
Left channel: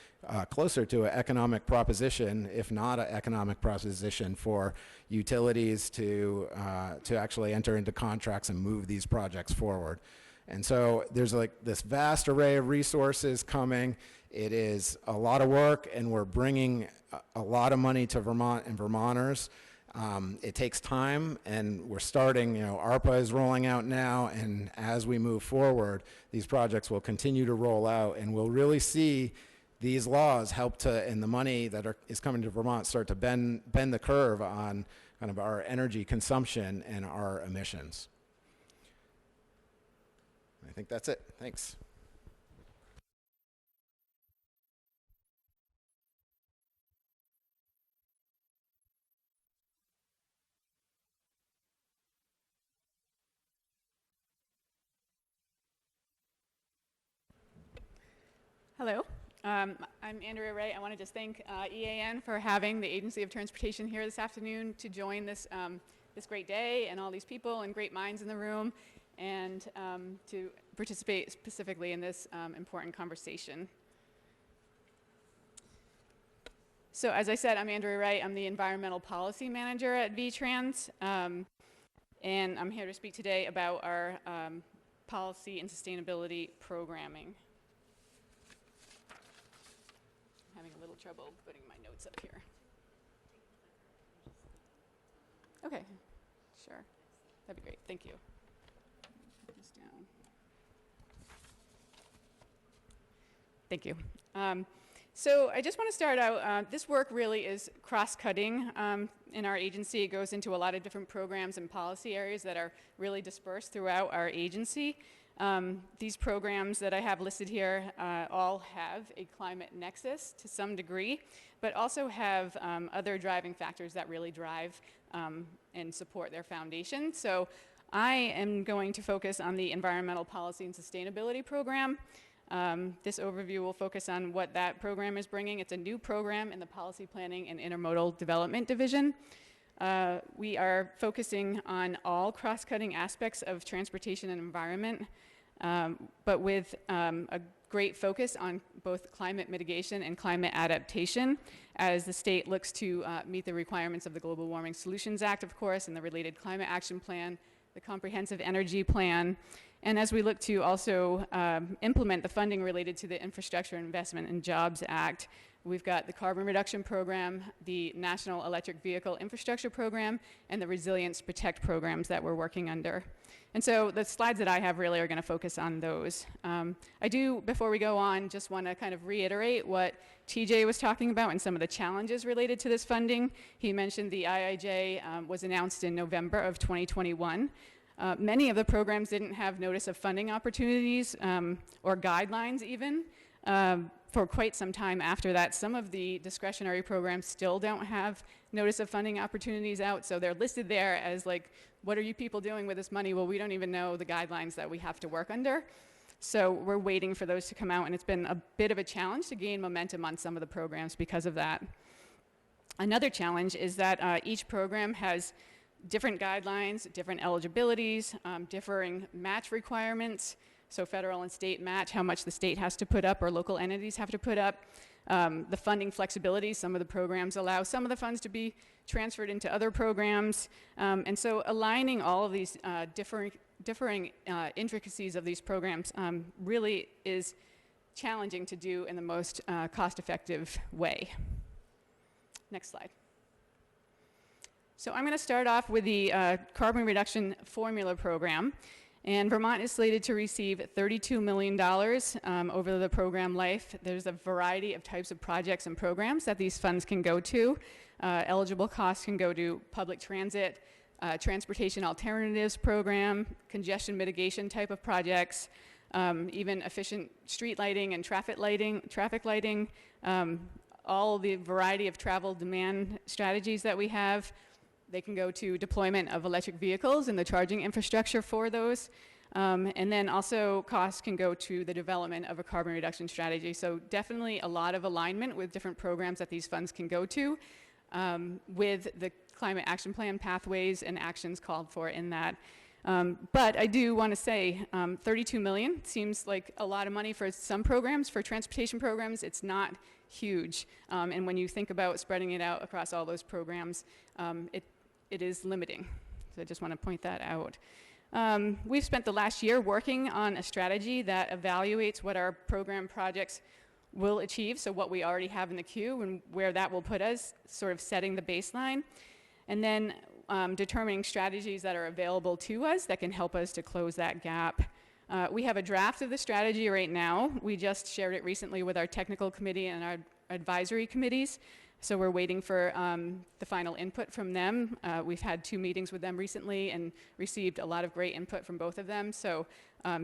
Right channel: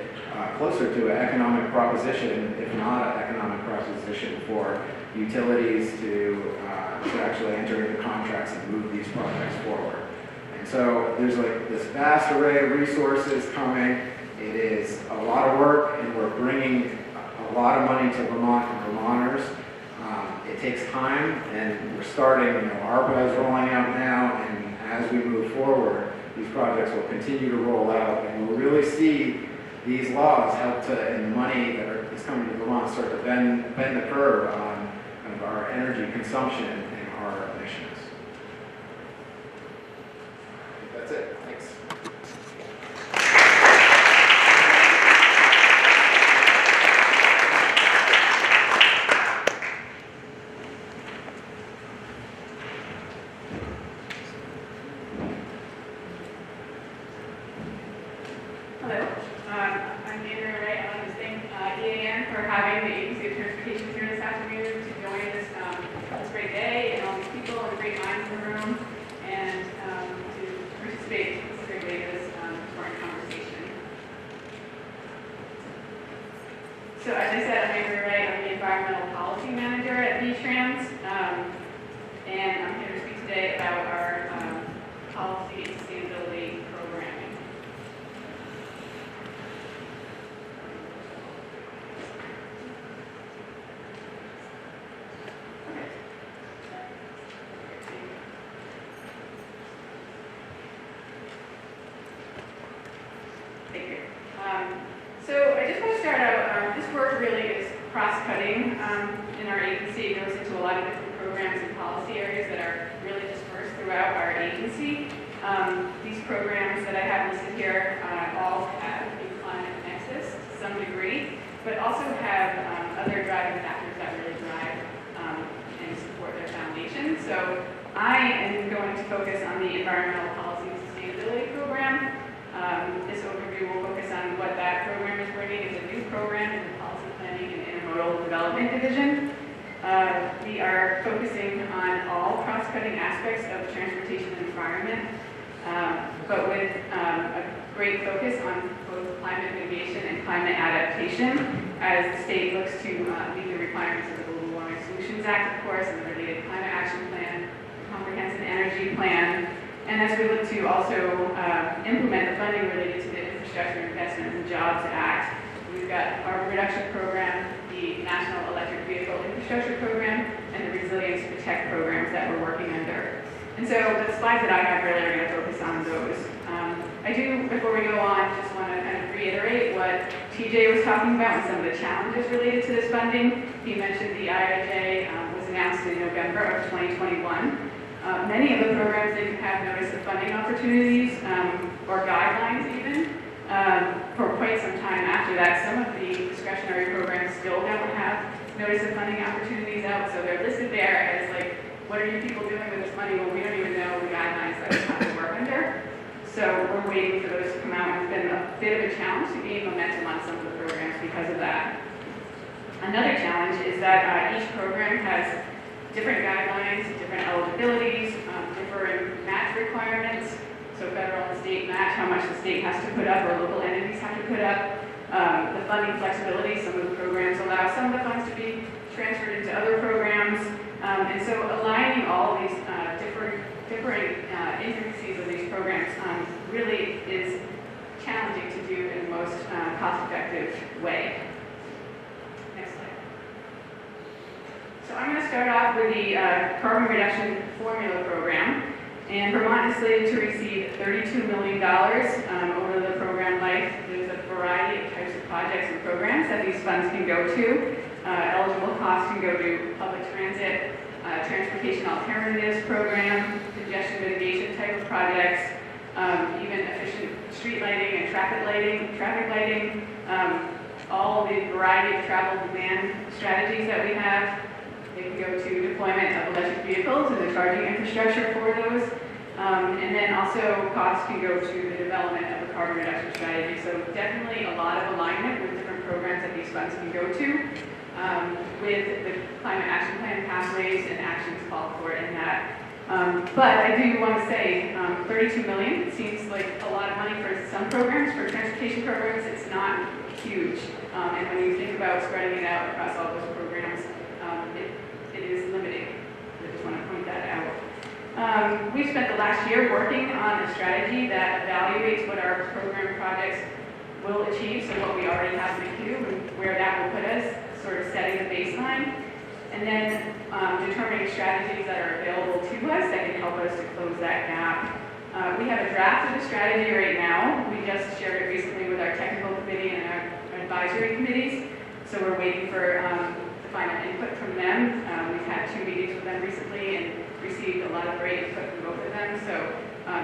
closer to an economic proposition, if not an economic proposition, for utilities to actually enter into contracts and move these projects forward. And so there's like this vast array of resources coming. It is a lot of work, and we're bringing a lot of money to Vermont and Vermonters. It takes time, and we're starting, ARPA is rolling out now, and as we move forward, these projects will continue to roll out, and we'll really see these laws help to, and the money that is coming to Vermont, start to bend the curve on kind of our energy consumption and our emissions. I think that's it. Thanks. EAN for having the Agency of Transportation here this afternoon to join this great day, and all these people and great minds in the room, and to participate specifically So I just want to start out, this work really is cross-cutting in our agency. It goes into a lot of different programs and policy areas that are really dispersed throughout our agency. These programs that I have listed here all have a climate nexus to some degree, but also have other driving factors that really drive and support their foundation. So I am going to focus on the Environmental Policy and Sustainability Program. This overview will focus on what that program is bringing. It's a new program in the Policy Planning and Intermodal Development Division. We are focusing on all cross-cutting aspects of transportation and environment, but with a great focus on both climate mitigation and climate adaptation as the state looks to meet the requirements of the Global Warming Solutions Act, of course, and the related Climate Action Plan, the Comprehensive Energy Plan, and as we look to also implement the funding related to the Infrastructure Investment and Jobs Act. We've got the Carbon Reduction Program, the National Electric Vehicle Infrastructure Program, and the Resilience Protect programs that we're working under. And so the slides that I have really are going to focus on those. I do, before we go on, just want to kind of reiterate what TJ was talking about and some of the challenges related to this funding. He mentioned the IIJ was announced in November of 2021. Many of the programs didn't have notice of funding opportunities or guidelines even for quite some time after that. Some of the discretionary programs still don't have notice of funding opportunities out, so they're listed there as like, what are you people doing with this money? Well, we don't even know the guidelines that we have to work under. So we're waiting for those to come out, and it's been a bit of a challenge to gain momentum on some of the programs because of that. Another challenge is that each program has different guidelines, different eligibilities, different match requirements. So federal and state match, how much the state has to put up or local entities have to put up. The funding flexibility, some of the programs allow some of the funds to be transferred into other programs. And so aligning all of these differing intricacies of these programs really is challenging to do in the most cost-effective way. Next slide. So I'm going to start off with the Carbon Reduction Formula Program. And Vermont is slated to receive $32 million over the program life. There's a variety of types of projects and programs that these funds can go to. Eligible costs can go to public transit, transportation alternatives program, congestion mitigation type of projects, even efficient street lighting and traffic lighting, all the variety of travel demand strategies that we have. They can go to deployment of electric vehicles and the charging infrastructure for those. And then also costs can go to the development of a carbon reduction strategy. So definitely a lot of alignment with different programs that these funds can go to. With the Climate Action Plan pathways and actions called for in that. But I do want to say $32 million seems like a lot of money for some programs. For transportation programs, it's not huge. And when you think about spreading it out across all those programs, it is limiting. So I just want to point that out. We spent the last year working on a strategy that evaluates what our program projects will achieve, so what we already have in the queue and where that will put us, sort of setting the baseline, and then determining strategies that are available to us that can help us to close that gap. We have a draft of the strategy right now. We just shared it recently with our technical committee and our advisory committees, so we're waiting for the final input from them. We've had 2 meetings with them recently and received a lot of great input from both of them, so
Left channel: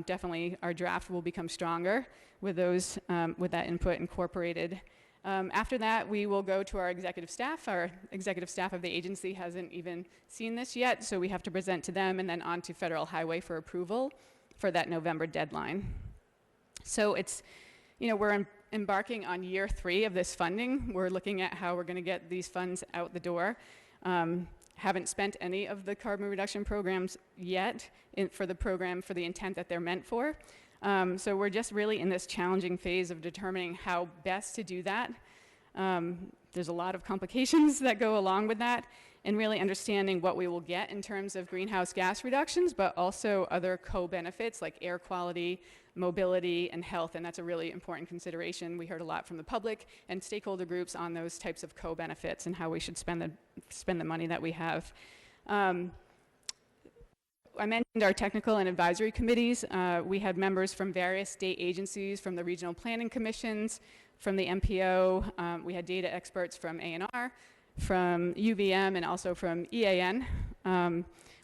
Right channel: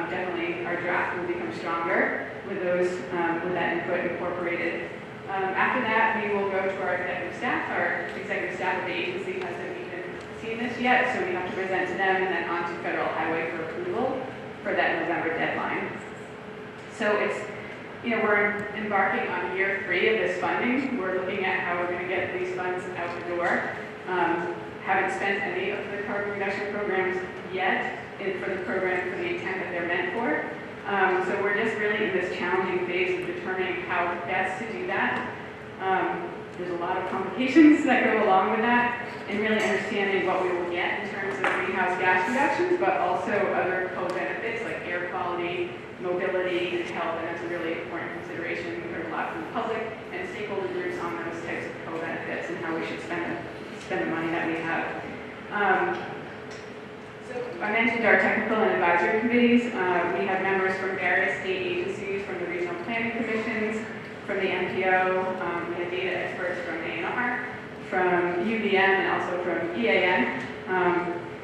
definitely our draft will become stronger with those with that input incorporated. After that, we will go to our executive staff. Our executive staff of the agency hasn't even seen this yet, so we have to present to them and then on to Federal Highway for approval for that November deadline. So it's, we're embarking on year 3 of this funding. We're looking at how we're going to get these funds out the door. Haven't spent any of the carbon reduction programs yet for the program for the intent that they're meant for. So we're just really in this challenging phase of determining how best to do that. There's a lot of complications that go along with that, and really understanding what we will get in terms of greenhouse gas reductions, but also other co-benefits like air quality, mobility, and health, and that's a really important consideration. We heard a lot from the public and stakeholder groups on those types of co-benefits and how we should spend the money that we have. So I mentioned our technical and advisory committees. We have members from various state agencies, from the regional planning commissions, from the MPO, we had data experts from A&R, from UVM, and also from EAN.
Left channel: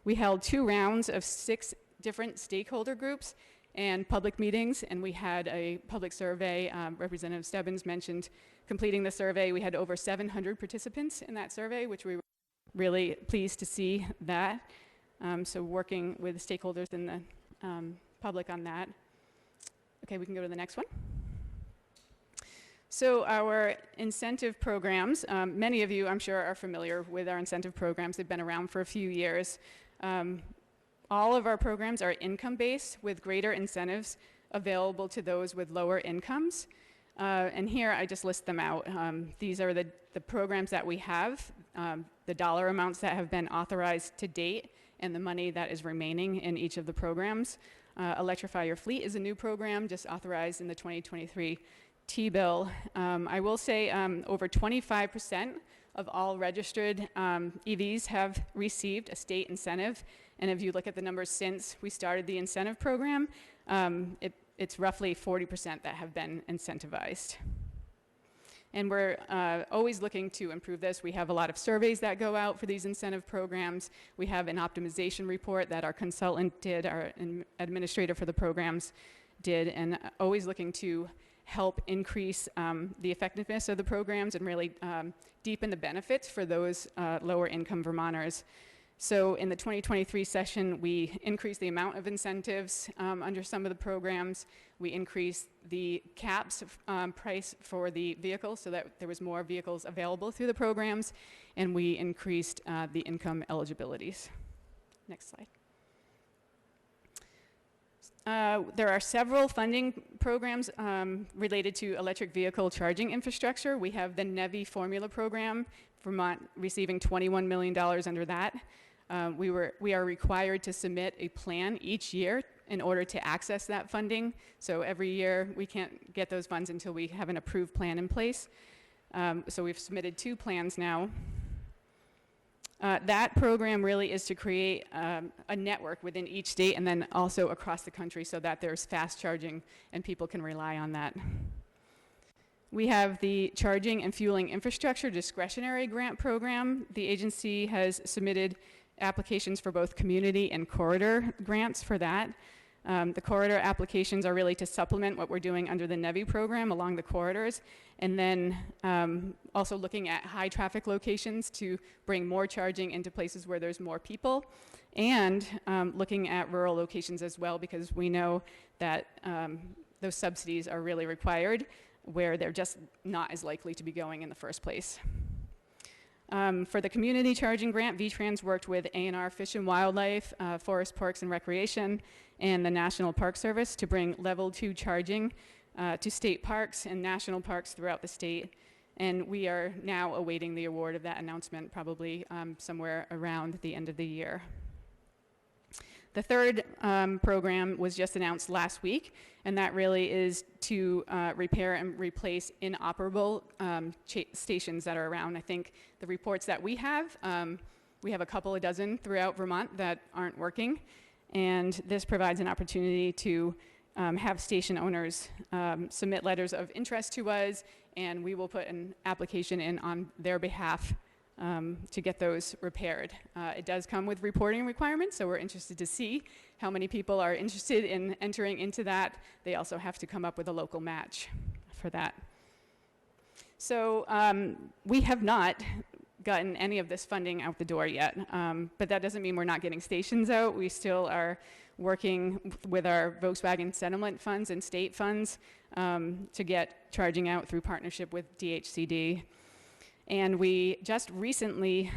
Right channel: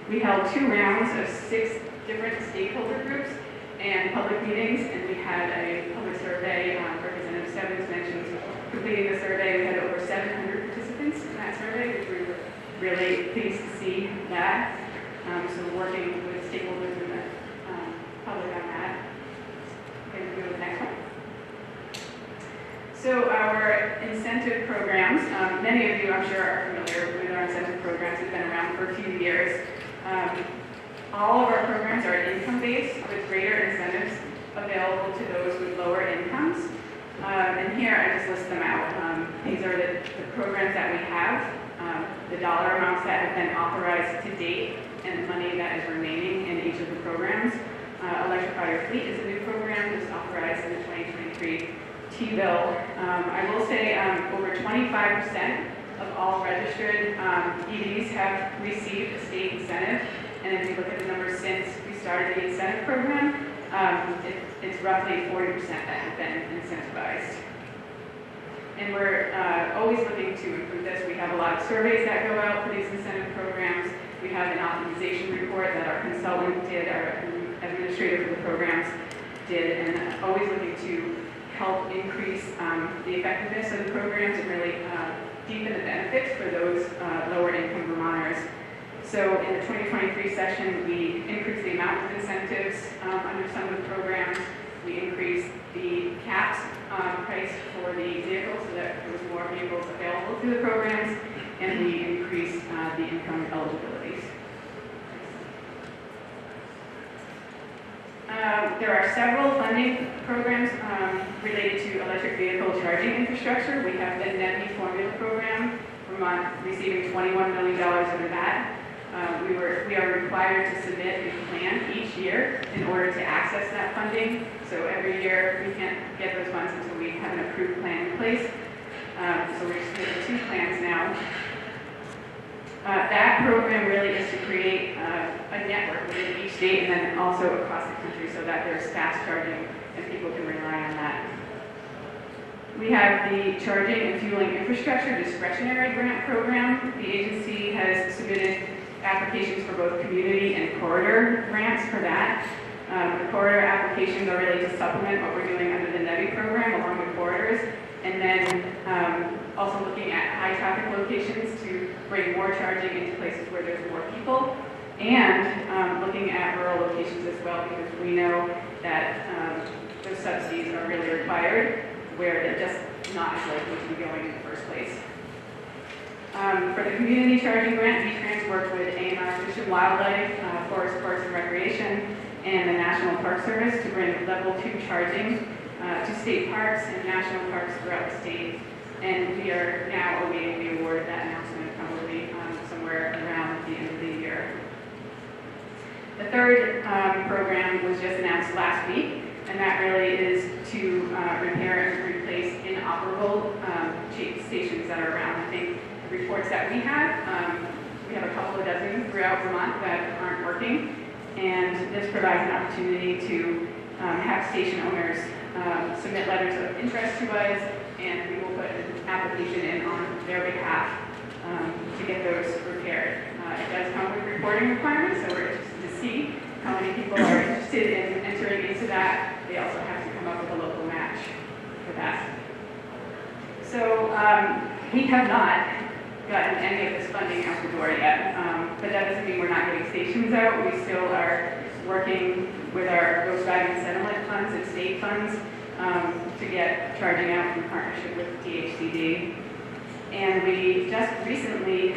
We held 2 rounds of 6 different stakeholder groups and public meetings, and we had a public survey. Representative Stebbins mentioned completing the survey. We had over 700 participants in that survey, which we were really pleased to see that. So we're working with stakeholders in the public on that. Okay, we can go to the next one. So our incentive programs, many of you I'm sure are familiar with our incentive programs. They've been around for a few years. All of our programs are income-based with greater incentives available to those with lower incomes. And here I just list them out. These are the programs that we have, the dollar amounts that have been authorized to date, and the money that is remaining in each of the programs. Electrify Your Fleet is a new program just authorized in the 2023 T-bill. I will say over 25% of all registered EVs have received a state incentive. And if you look at the numbers since we started the incentive program, it's roughly 40% that have been incentivized. And we're always looking to improve this. We have a lot of surveys that go out for these incentive programs. We have an optimization report that our consultant did, our administrator for the programs did, and always looking to help increase the effectiveness of the programs and really deepen the benefits for those lower income Vermonters. So in the 2023 session, we increased the amount of incentives under some of the programs. We increased the caps price for the vehicles so that there was more vehicles available through the programs, and we increased the income eligibilities. There are several funding programs related to electric vehicle charging infrastructure. We have the NEVI formula program, Vermont receiving $21 million under that. We are required to submit a plan each year in order to access that funding. So every year we can't get those funds until we have an approved plan in place. So we've submitted 2 plans now. That program really is to create a network within each state and then also across the country so that there's fast charging and people can rely on that. We have the Charging and Fueling Infrastructure Discretionary Grant Program. The agency has submitted applications for both community and corridor grants for that. The corridor applications are really to supplement what we're doing under the NEVI program along the corridors, and then also looking at high traffic locations to bring more charging into places where there's more people, and looking at rural locations as well, because we know that those subsidies are really required where they're just not as likely to be going in the first place. For the community charging grant, V-Trans worked with A&R Fish and Wildlife, Forest Parks and Recreation, and the National Park Service to bring level 2 charging to state parks and national parks throughout the state. And we are now awaiting the award of that announcement, probably somewhere around the end of the year. The third program was just announced last week, and that really is to repair and replace inoperable stations that are around. I think the reports that we have a couple of dozen throughout Vermont that aren't working, and this provides an opportunity to have station owners submit letters of interest to us, and we will put an application in on their behalf to get those repaired. It does come with reporting requirements, so we're interested to see how many people are interested in entering into that. They also have to come up with a local match for that. So we have not gotten any of this funding out the door yet, but that doesn't mean we're not getting stations out. We still are working with our Volkswagen Sentiment funds and state funds to get charging out from partnership with DHCD. And we just recently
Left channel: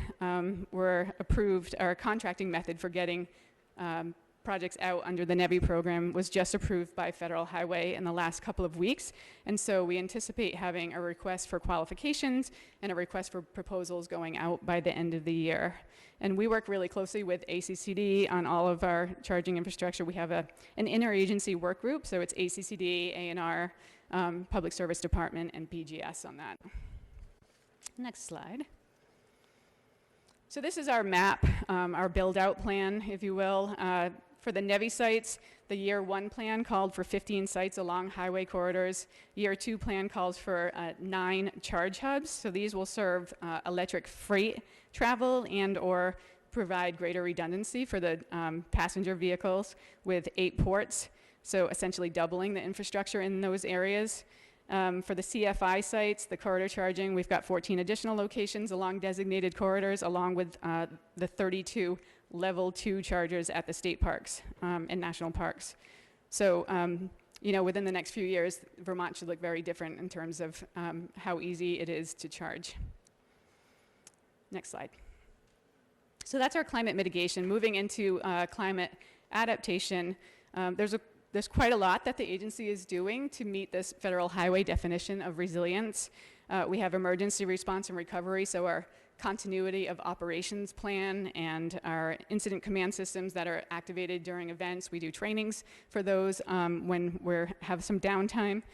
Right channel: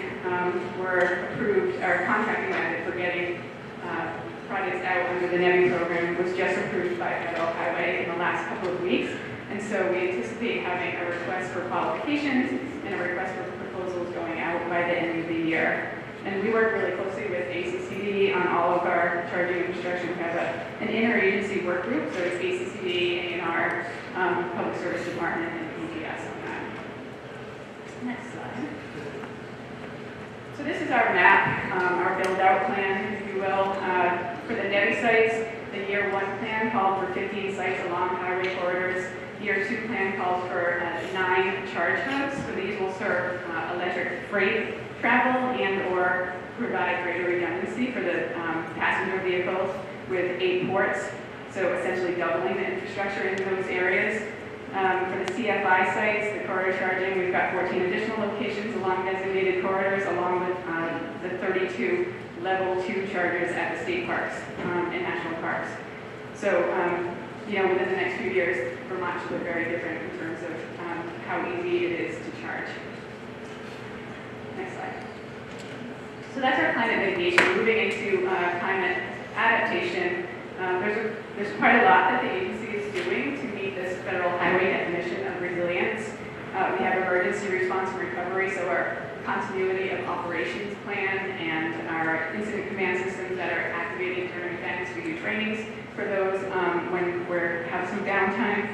were approved, our contracting method for getting projects out under the NEVI program was just approved by Federal Highway in the last couple of weeks. And so we anticipate having a request for qualifications and a request for proposals going out by the end of the year. And we work really closely with ACCD on all of our charging infrastructure. We have an interagency work group, so it's ACCD, A&R, Public Service Department, and PGS on that. Next slide. So this is our map, our build-out plan, if you will. For the NEVI sites, the year 1 plan called for 15 sites along highway corridors. Year 2 plan calls for 9 charge hubs, so these will serve electric freight travel and or provide greater redundancy for the passenger vehicles with 8 ports, so essentially doubling the infrastructure in those areas. For the CFI sites, the corridor charging, we've got 14 additional locations along designated corridors, along with the 32 level 2 chargers at the state parks and national parks. So, within the next few years, Vermont should look very different in terms of how easy it is to charge. Next slide. So that's our climate mitigation. Moving into climate adaptation, there's quite a lot that the agency is doing to meet this federal highway definition of resilience. We have emergency response and recovery, so our continuity of operations plan and our incident command systems that are activated during events. We do trainings for those when we have some downtime.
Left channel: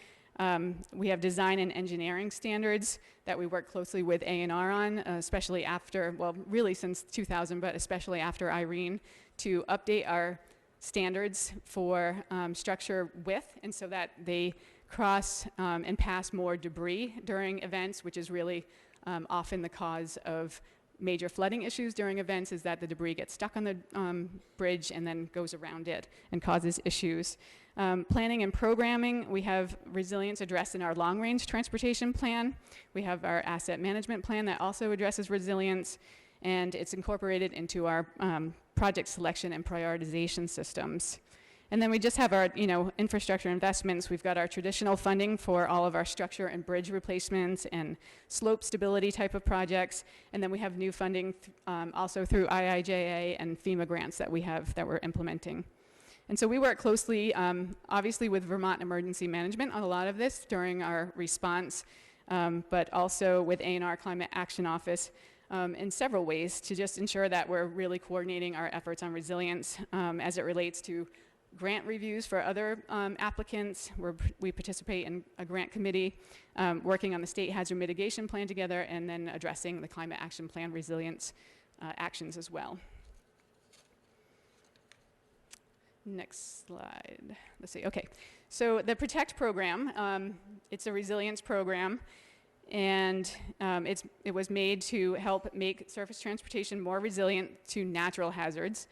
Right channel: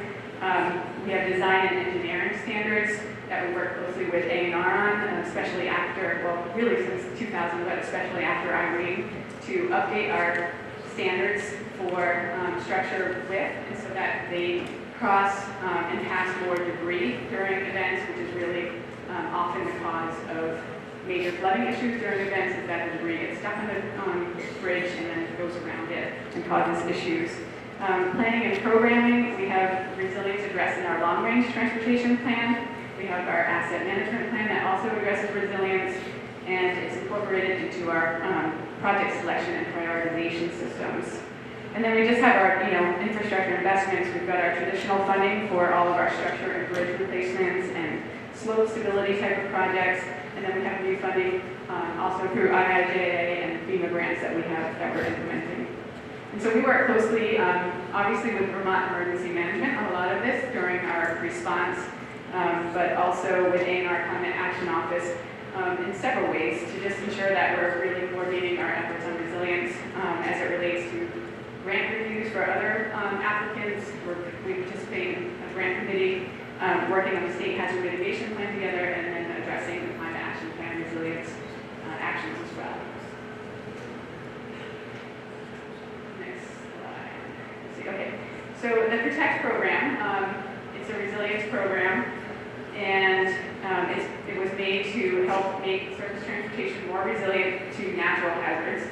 We have design and engineering standards that we work closely with A&R on, especially after, well, really since 2000, but especially after Irene, to update our standards for structure width, and so that they cross and pass more debris during events, which is really often the cause of major flooding issues during events, is that the debris gets stuck on the bridge and then goes around it and causes issues. Planning and programming, we have resilience addressed in our long-range transportation plan. We have our asset management plan that also addresses resilience, and it's incorporated into our project selection and prioritization systems. And then we just have our, infrastructure investments. We've got our traditional funding for all of our structure and bridge replacements and slope stability type of projects. And then we have new funding also through IIJA and FEMA grants that we have that we're implementing. And so we work closely, obviously, with Vermont Emergency Management on a lot of this during our response, but also with A&R Climate Action Office in several ways to just ensure that we're really coordinating our efforts on resilience as it relates to grant reviews for other applicants. We participate in a grant committee, working on the state hazard mitigation plan together, and then addressing the climate action plan resilience actions as well. Next slide. Let's see. Okay. So the PROTECT program, it's a resilience program, and it was made to help make surface transportation more resilient to natural hazards.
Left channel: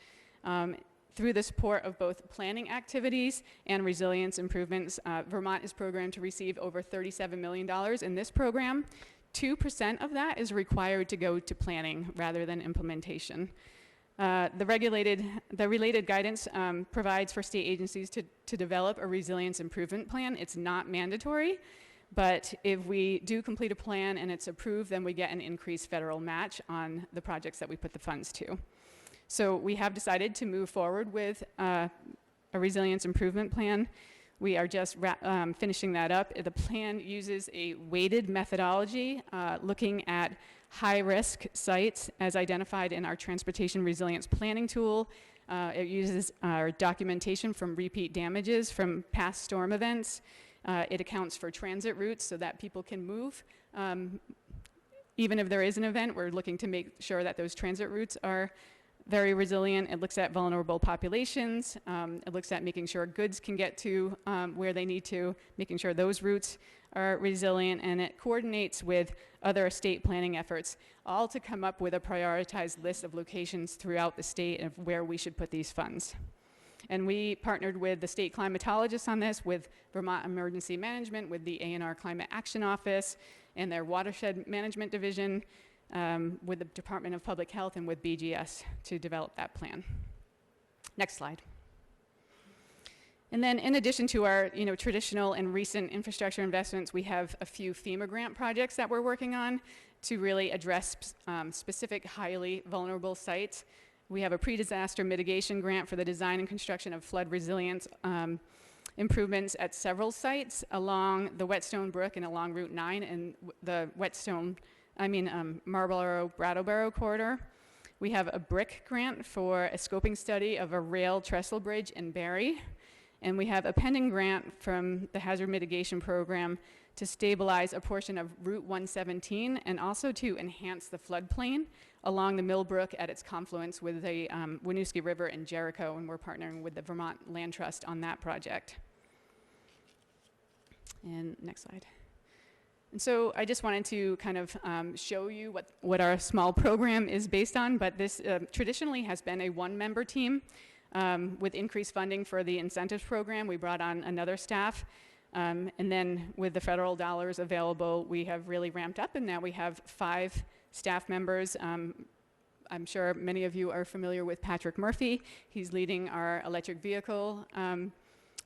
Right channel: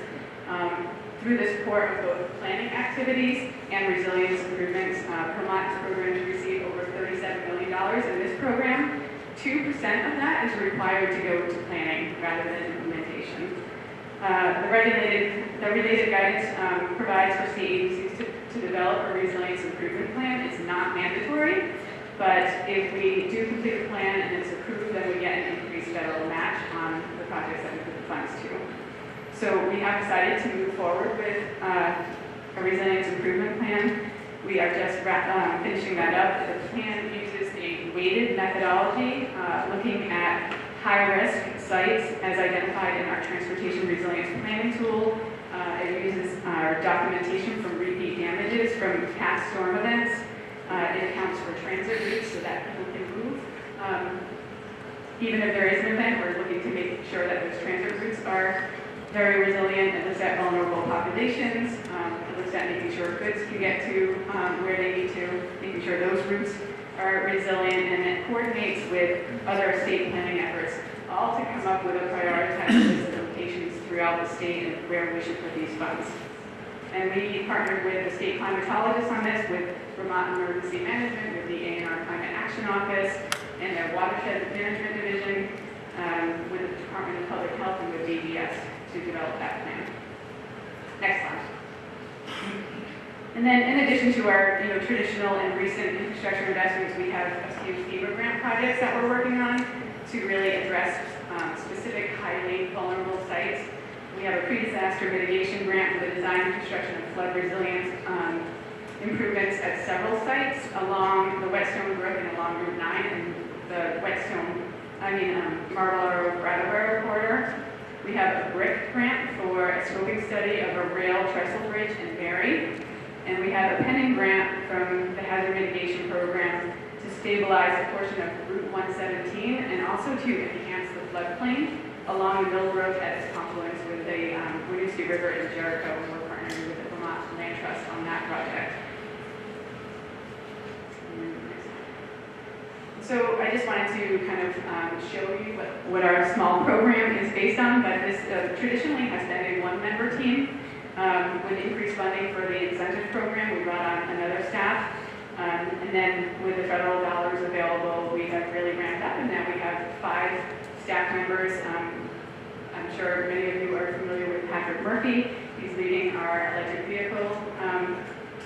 Through the support of both planning activities and resilience improvements, Vermont is programmed to receive over $37 million in this program. 2% of that is required to go to planning rather than implementation. The related guidance provides for state agencies to develop a resilience improvement plan. It's not mandatory, but if we do complete a plan and it's approved, then we get an increased federal match on the projects that we put the funds to. So we have decided to move forward with a resilience improvement plan. We are just finishing that up. The plan uses a weighted methodology looking at high-risk sites as identified in our transportation resilience planning tool. It uses our documentation from repeat damages from past storm events. It accounts for transit routes so that people can move. Even if there is an event, we're looking to make sure that those transit routes are very resilient. It looks at vulnerable populations. It looks at making sure goods can get to where they need to, making sure those routes are resilient, and it coordinates with other state planning efforts, all to come up with a prioritized list of locations throughout the state and where we should put these funds. And we partnered with the state climatologists on this, with Vermont Emergency Management, with the A&R Climate Action Office, and their Watershed Management Division, with the Department of Public Health, and with BGS to develop that plan. Next slide. And then, in addition to our traditional and recent infrastructure investments, we have a few FEMA grant projects that we're working on to really address specific highly vulnerable sites. We have a pre-disaster mitigation grant for the design, construction, and flood resilience improvements at several sites along the Whetstone Brook and along Route 9 and the Marlboro-Brattleboro corridor. We have a BRIC grant for a scoping study of a rail trestle bridge in Barrie. And we have a pending grant from the Hazard Mitigation Program to stabilize a portion of Route 117 and also to enhance the floodplain along the Millbrook at its confluence with the Winooski River in Jericho. And we're partnering with the Vermont Land Trust on that project. And next slide. So I just wanted to kind of show you what our small program is based on, but this traditionally has been a one-member team. With increased funding for the incentive program, we brought on another staff. And then with the federal dollars available, we have really ramped up, and now we have 5 staff members. I'm sure many of you are familiar with Patrick Murphy. He's leading our electric vehicle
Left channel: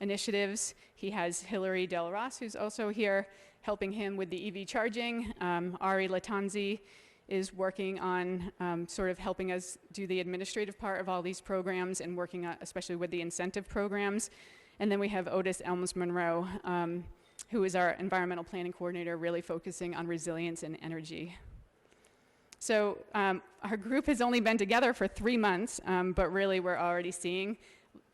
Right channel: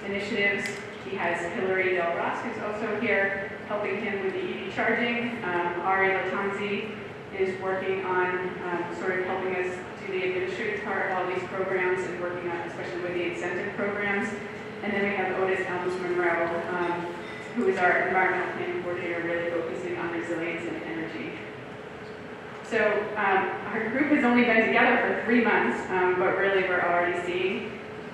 initiatives. He has Hillary Del Ross, who's also here, helping him with the EV charging. Ari Latanzi is working on sort of helping us do the administrative part of all these programs and working on, especially with the incentive programs. And then we have Otis Ellis Monroe, who is our environmental planning coordinator, really focusing on resilience and energy. So our group has only been together for 3 months, but really we're already seeing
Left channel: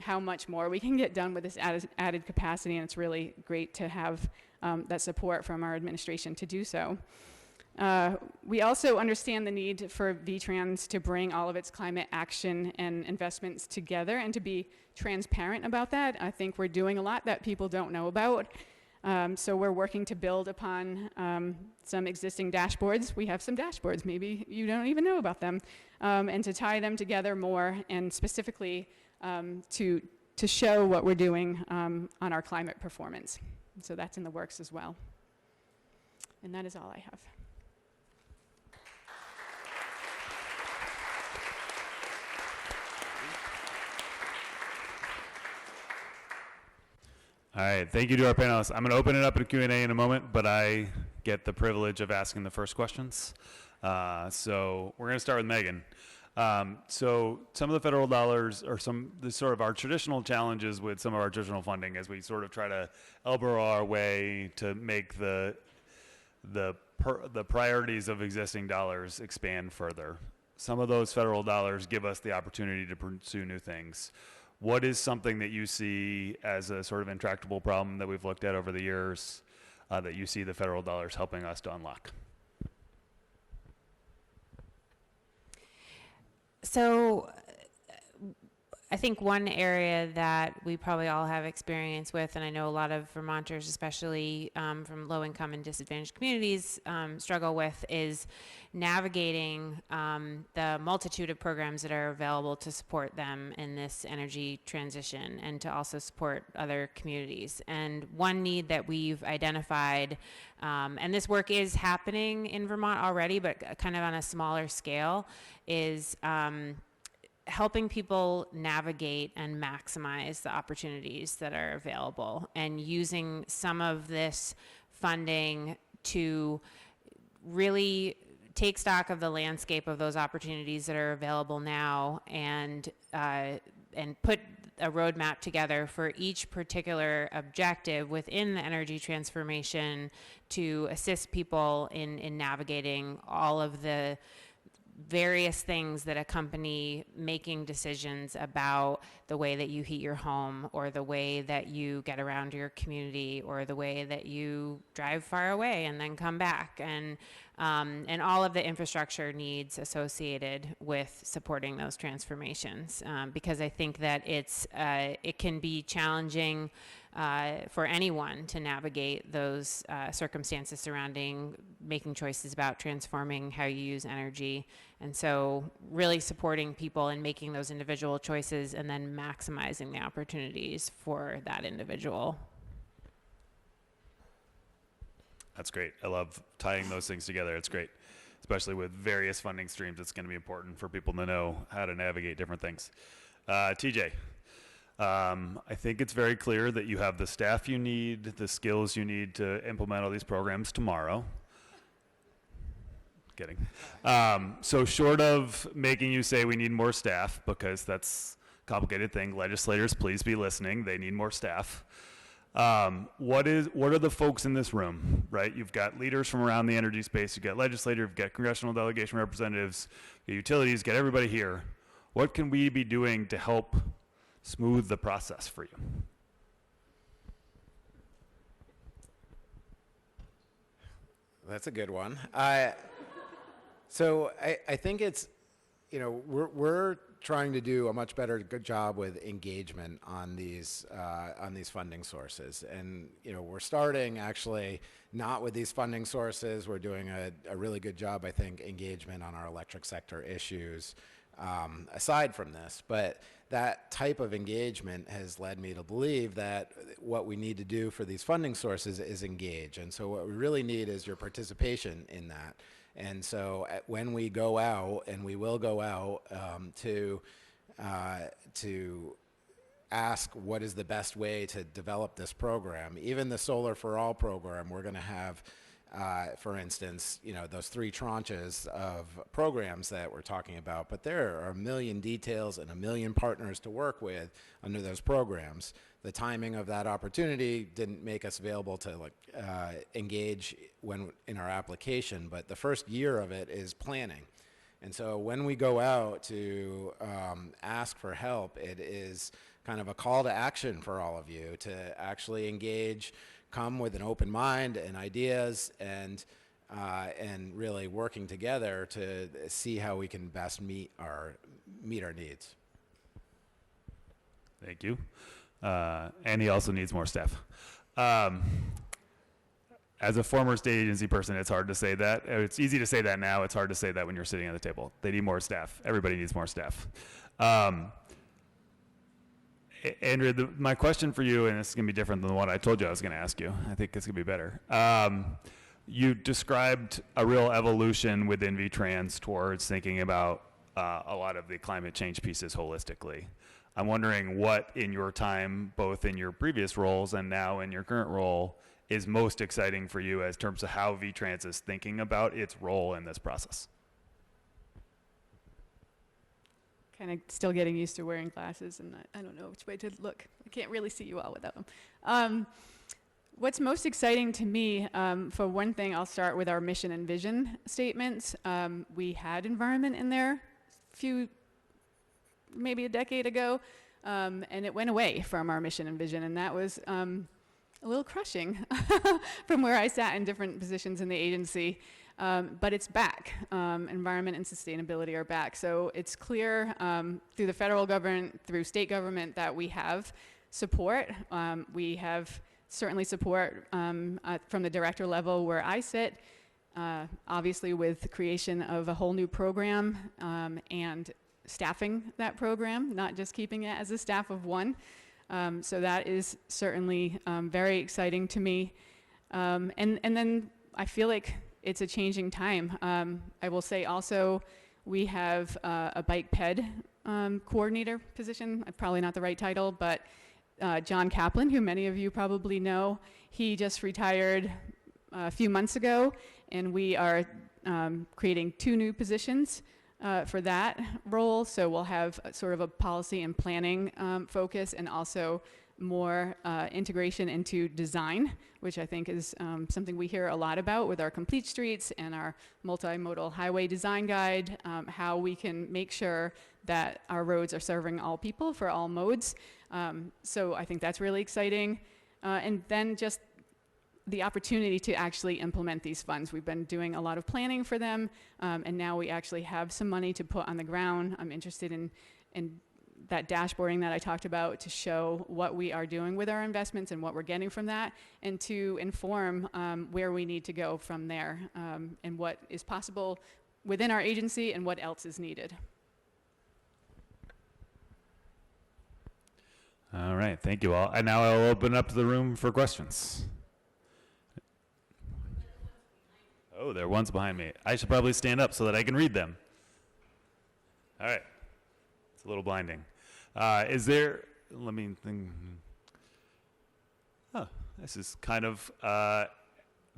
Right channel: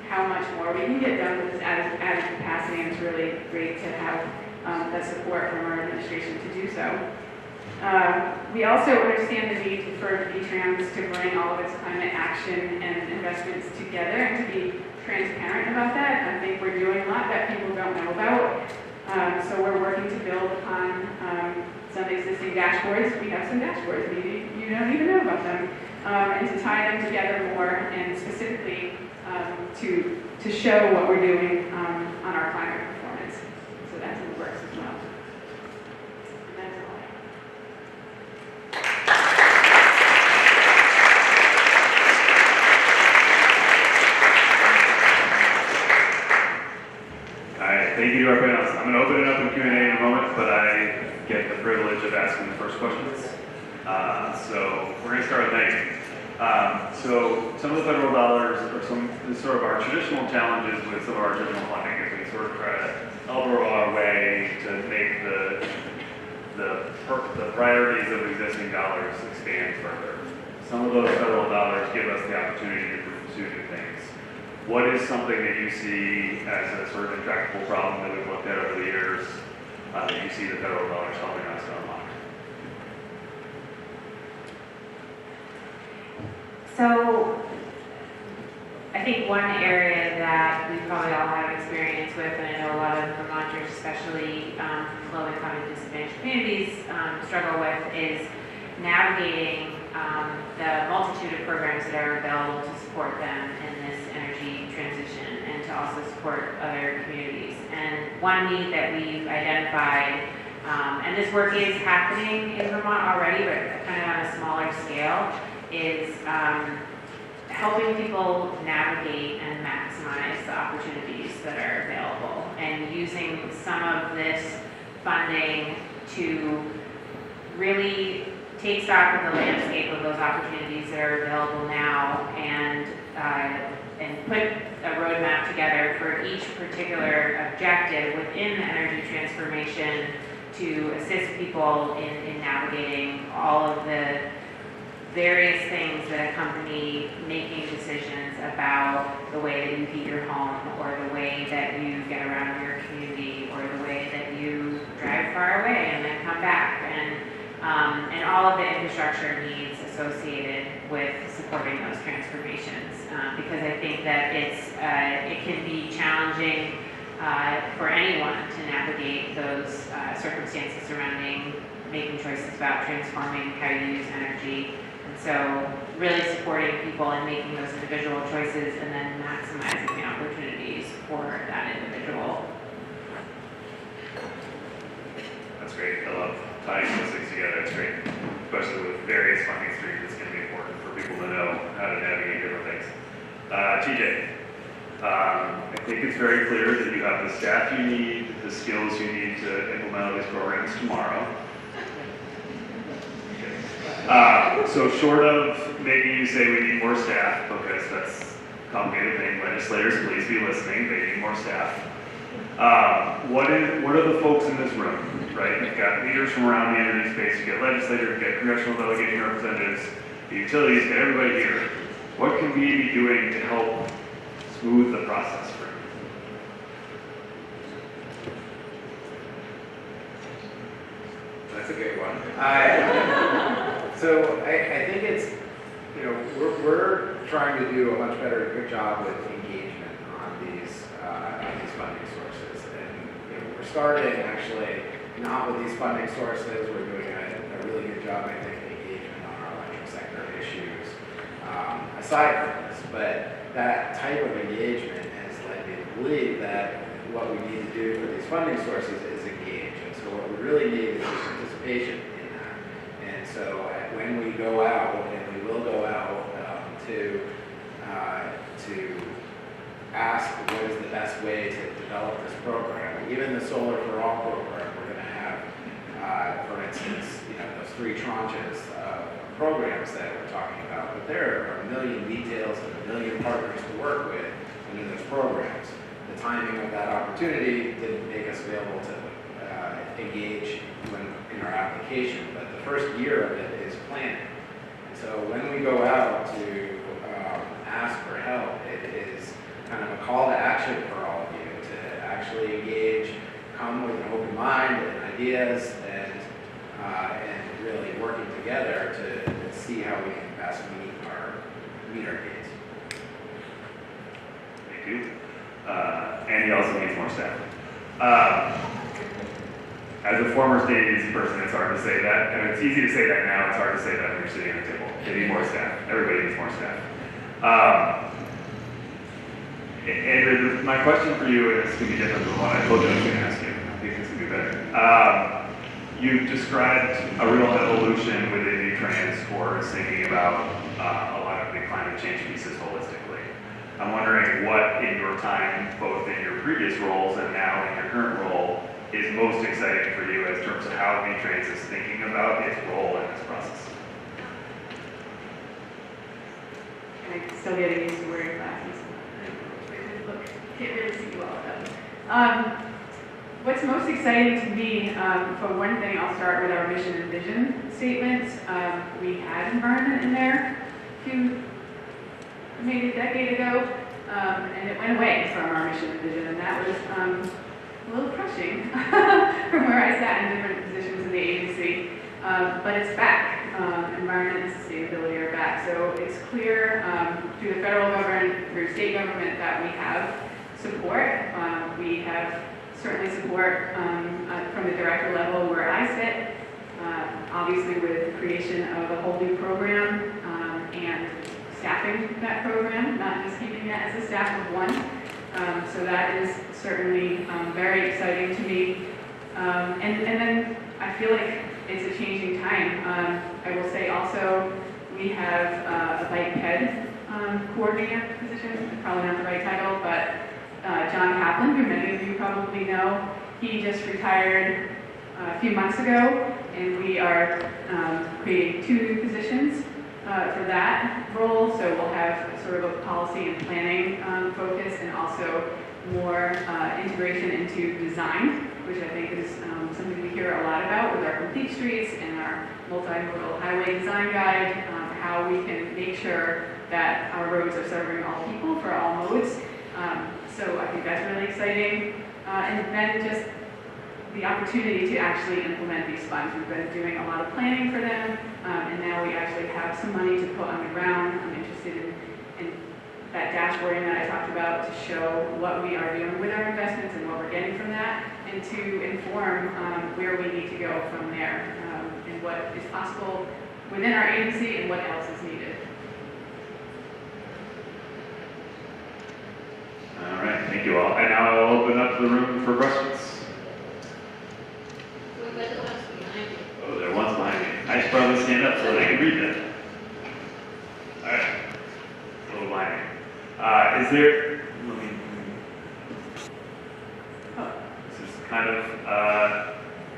how much more we can get done with this added capacity, and it's really great to have that support from our administration to do so. We also understand the need for VTrans to bring all of its climate action and investments together and to be transparent about that. I think we're doing a lot that people don't know about. So we're working to build upon some existing dashboards. We have some dashboards, maybe you don't even know about them, and to tie them together more and specifically to show what we're doing on our climate performance. So that's in the works as well. And that's all I have. All right, thank you to our panelists. I'm going to open it up to Q&A in a moment, but I get the privilege of asking the first questions. So we're going to start with Megan. So some of the federal dollars, or sort of our traditional challenges with some of our traditional funding is we sort of try to elbow our way to make the priorities of existing dollars expand further. Some of those federal dollars give us the opportunity to pursue new things. What is something that you see as a sort of intractable problem that we've looked at over the years that you see the federal dollars helping us to unlock? So I think one area that we probably all have experience with, and I know a lot of Vermonters, especially low-income and disadvantaged communities, struggle with, is navigating the multitude of programs that are available to support them in this energy transition and to also support other communities. And one need that we've identified, and this work is happening in Vermont already, but kind of on a smaller scale, is helping people navigate and maximize the opportunities that are available, and using some of this funding to really take stock of the landscape of those opportunities that are available now, and put a roadmap together for each particular objective within the energy transformation to assist people in navigating all of the various things that accompany making decisions about the way that you heat your home, or the way that you get around your community, or the way that you drive far away and then come back, and all of the infrastructure needs associated with supporting those transformations. Because I think that it can be challenging for anyone to navigate those circumstances surrounding making choices about transforming how you use energy. And so really supporting people and making those individual choices, and then maximizing the opportunities for that individual. That's great. I love tying those things together. It's great. Especially with various funding streams, it's going to be important for people to know how to navigate different things. TJ, I think it's very clear that you have the staff you need, the skills you need to implement all these programs tomorrow. So short of making you say we need more staff, because that's a complicated thing, legislators, please be listening, they need more staff. What are the folks in this room, right? You've got leaders from around the energy space, you've got legislators, you've got congressional delegation representatives, the utilities, get everybody here. What can we be doing to help smooth the process for you? That's a good one. So I think it's, we're trying to do a much better, good job with engagement on these funding sources. And we're starting actually not with these funding sources. We're doing a really good job, I think, engagement on our electric sector issues aside from this. But that type of engagement has led me to believe that what we need to do for these funding sources is engage. And so what we really need is participation in that. And so when we go out, and we will go out to ask what is the best way to develop this program, even the Solar for All program, we're going to have, for instance, those 3 tranches of programs that we're talking about. But there are a million details and a million partners to work with under those programs. The timing of that opportunity didn't make us available to engage in our application, but the first year of it is planning. And so when we go out to ask for help, it is kind of a call to action for all of you to actually engage, come with an open mind and ideas, and really working together to see how we can best meet our needs. Thank you. Andy also needs more staff. As a former state agency person, it's hard to say that. And it's easy to say that now. It's hard to say that when you're sitting at a table. They need more staff. Everybody needs more staff. Andrew, my question for you, and this is going to be different than what I told you I was going to ask you. I think this is going to be better. You described a real evolution within V-Trans towards thinking about a lot of the climate change pieces holistically. I'm wondering what in your time, both in your previous roles and now in your current role, is most exciting for you in terms of how V-Trans is thinking about its role in this process? And I'm still getting used to wearing glasses. I don't know which way to look. Can't really see well with them. What's most exciting to me, for one thing, I'll start with our mission and vision statements. We had environment in there maybe a decade ago, and it went away from our mission and vision, and that was a little crushing from where I sat in different positions in the agency. But it's back. Environment and sustainability are back. So it's clear through the federal government, through state government, that we have support. We have certainly support from the director level where I sit, obviously with the creation of a whole new program and staffing that program, not just keeping it as a staff of one. So that is certainly very exciting to me. And then I feel like it's a changing time. I will say also we have a bike ped coordinator position, probably not the right title, but John Kaplan, who many of you probably know, he just retired a few months ago, and we are creating 2 new positions for that role. So we'll have sort of a policy and planning focus, and also more integration into design, which I think is something we hear a lot about with our complete streets and our multimodal highway design guide, how we can make sure that our roads are serving all people for all modes. So I think that's really exciting. And then just the opportunity to actually implement these funds. We've been doing a lot of planning for them, and now we actually have some money to put on the ground. I'm interested in that dashboarding that I talked about to show what we are doing with our investments and what we're getting from that, and to inform where we need to go from there, and what is possible within our agency and what else is needed. All right, thank you all. And now I'll open up the room for questions. Oh, there are ones behind me. I should probably stand up so that I can read them. All right, it's a little blinding. Is there? This is kind of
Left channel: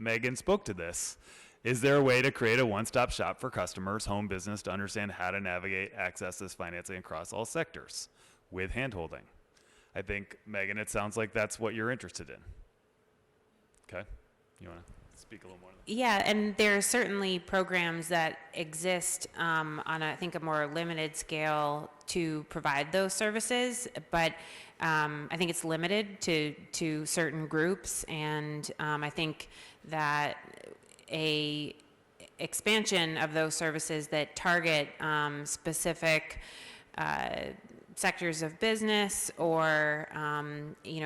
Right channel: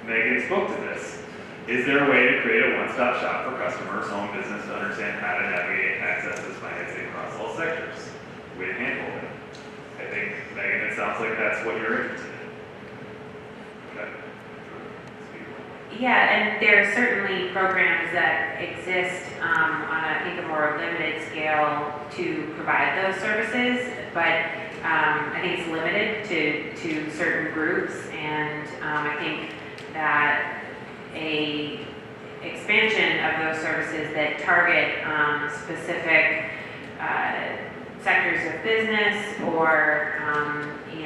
Megan spoke to this. Is there a way to create a one-stop shop for customers, home business, to understand how to navigate access to financing across all sectors with handholding? I think, Megan, it sounds like that's what you're interested in. Okay. Yeah, and there are certainly programs that exist on, I think, a more limited scale to provide those services, but I think it's limited to certain groups, and I think that a expansion of those services that target specific sectors of business or,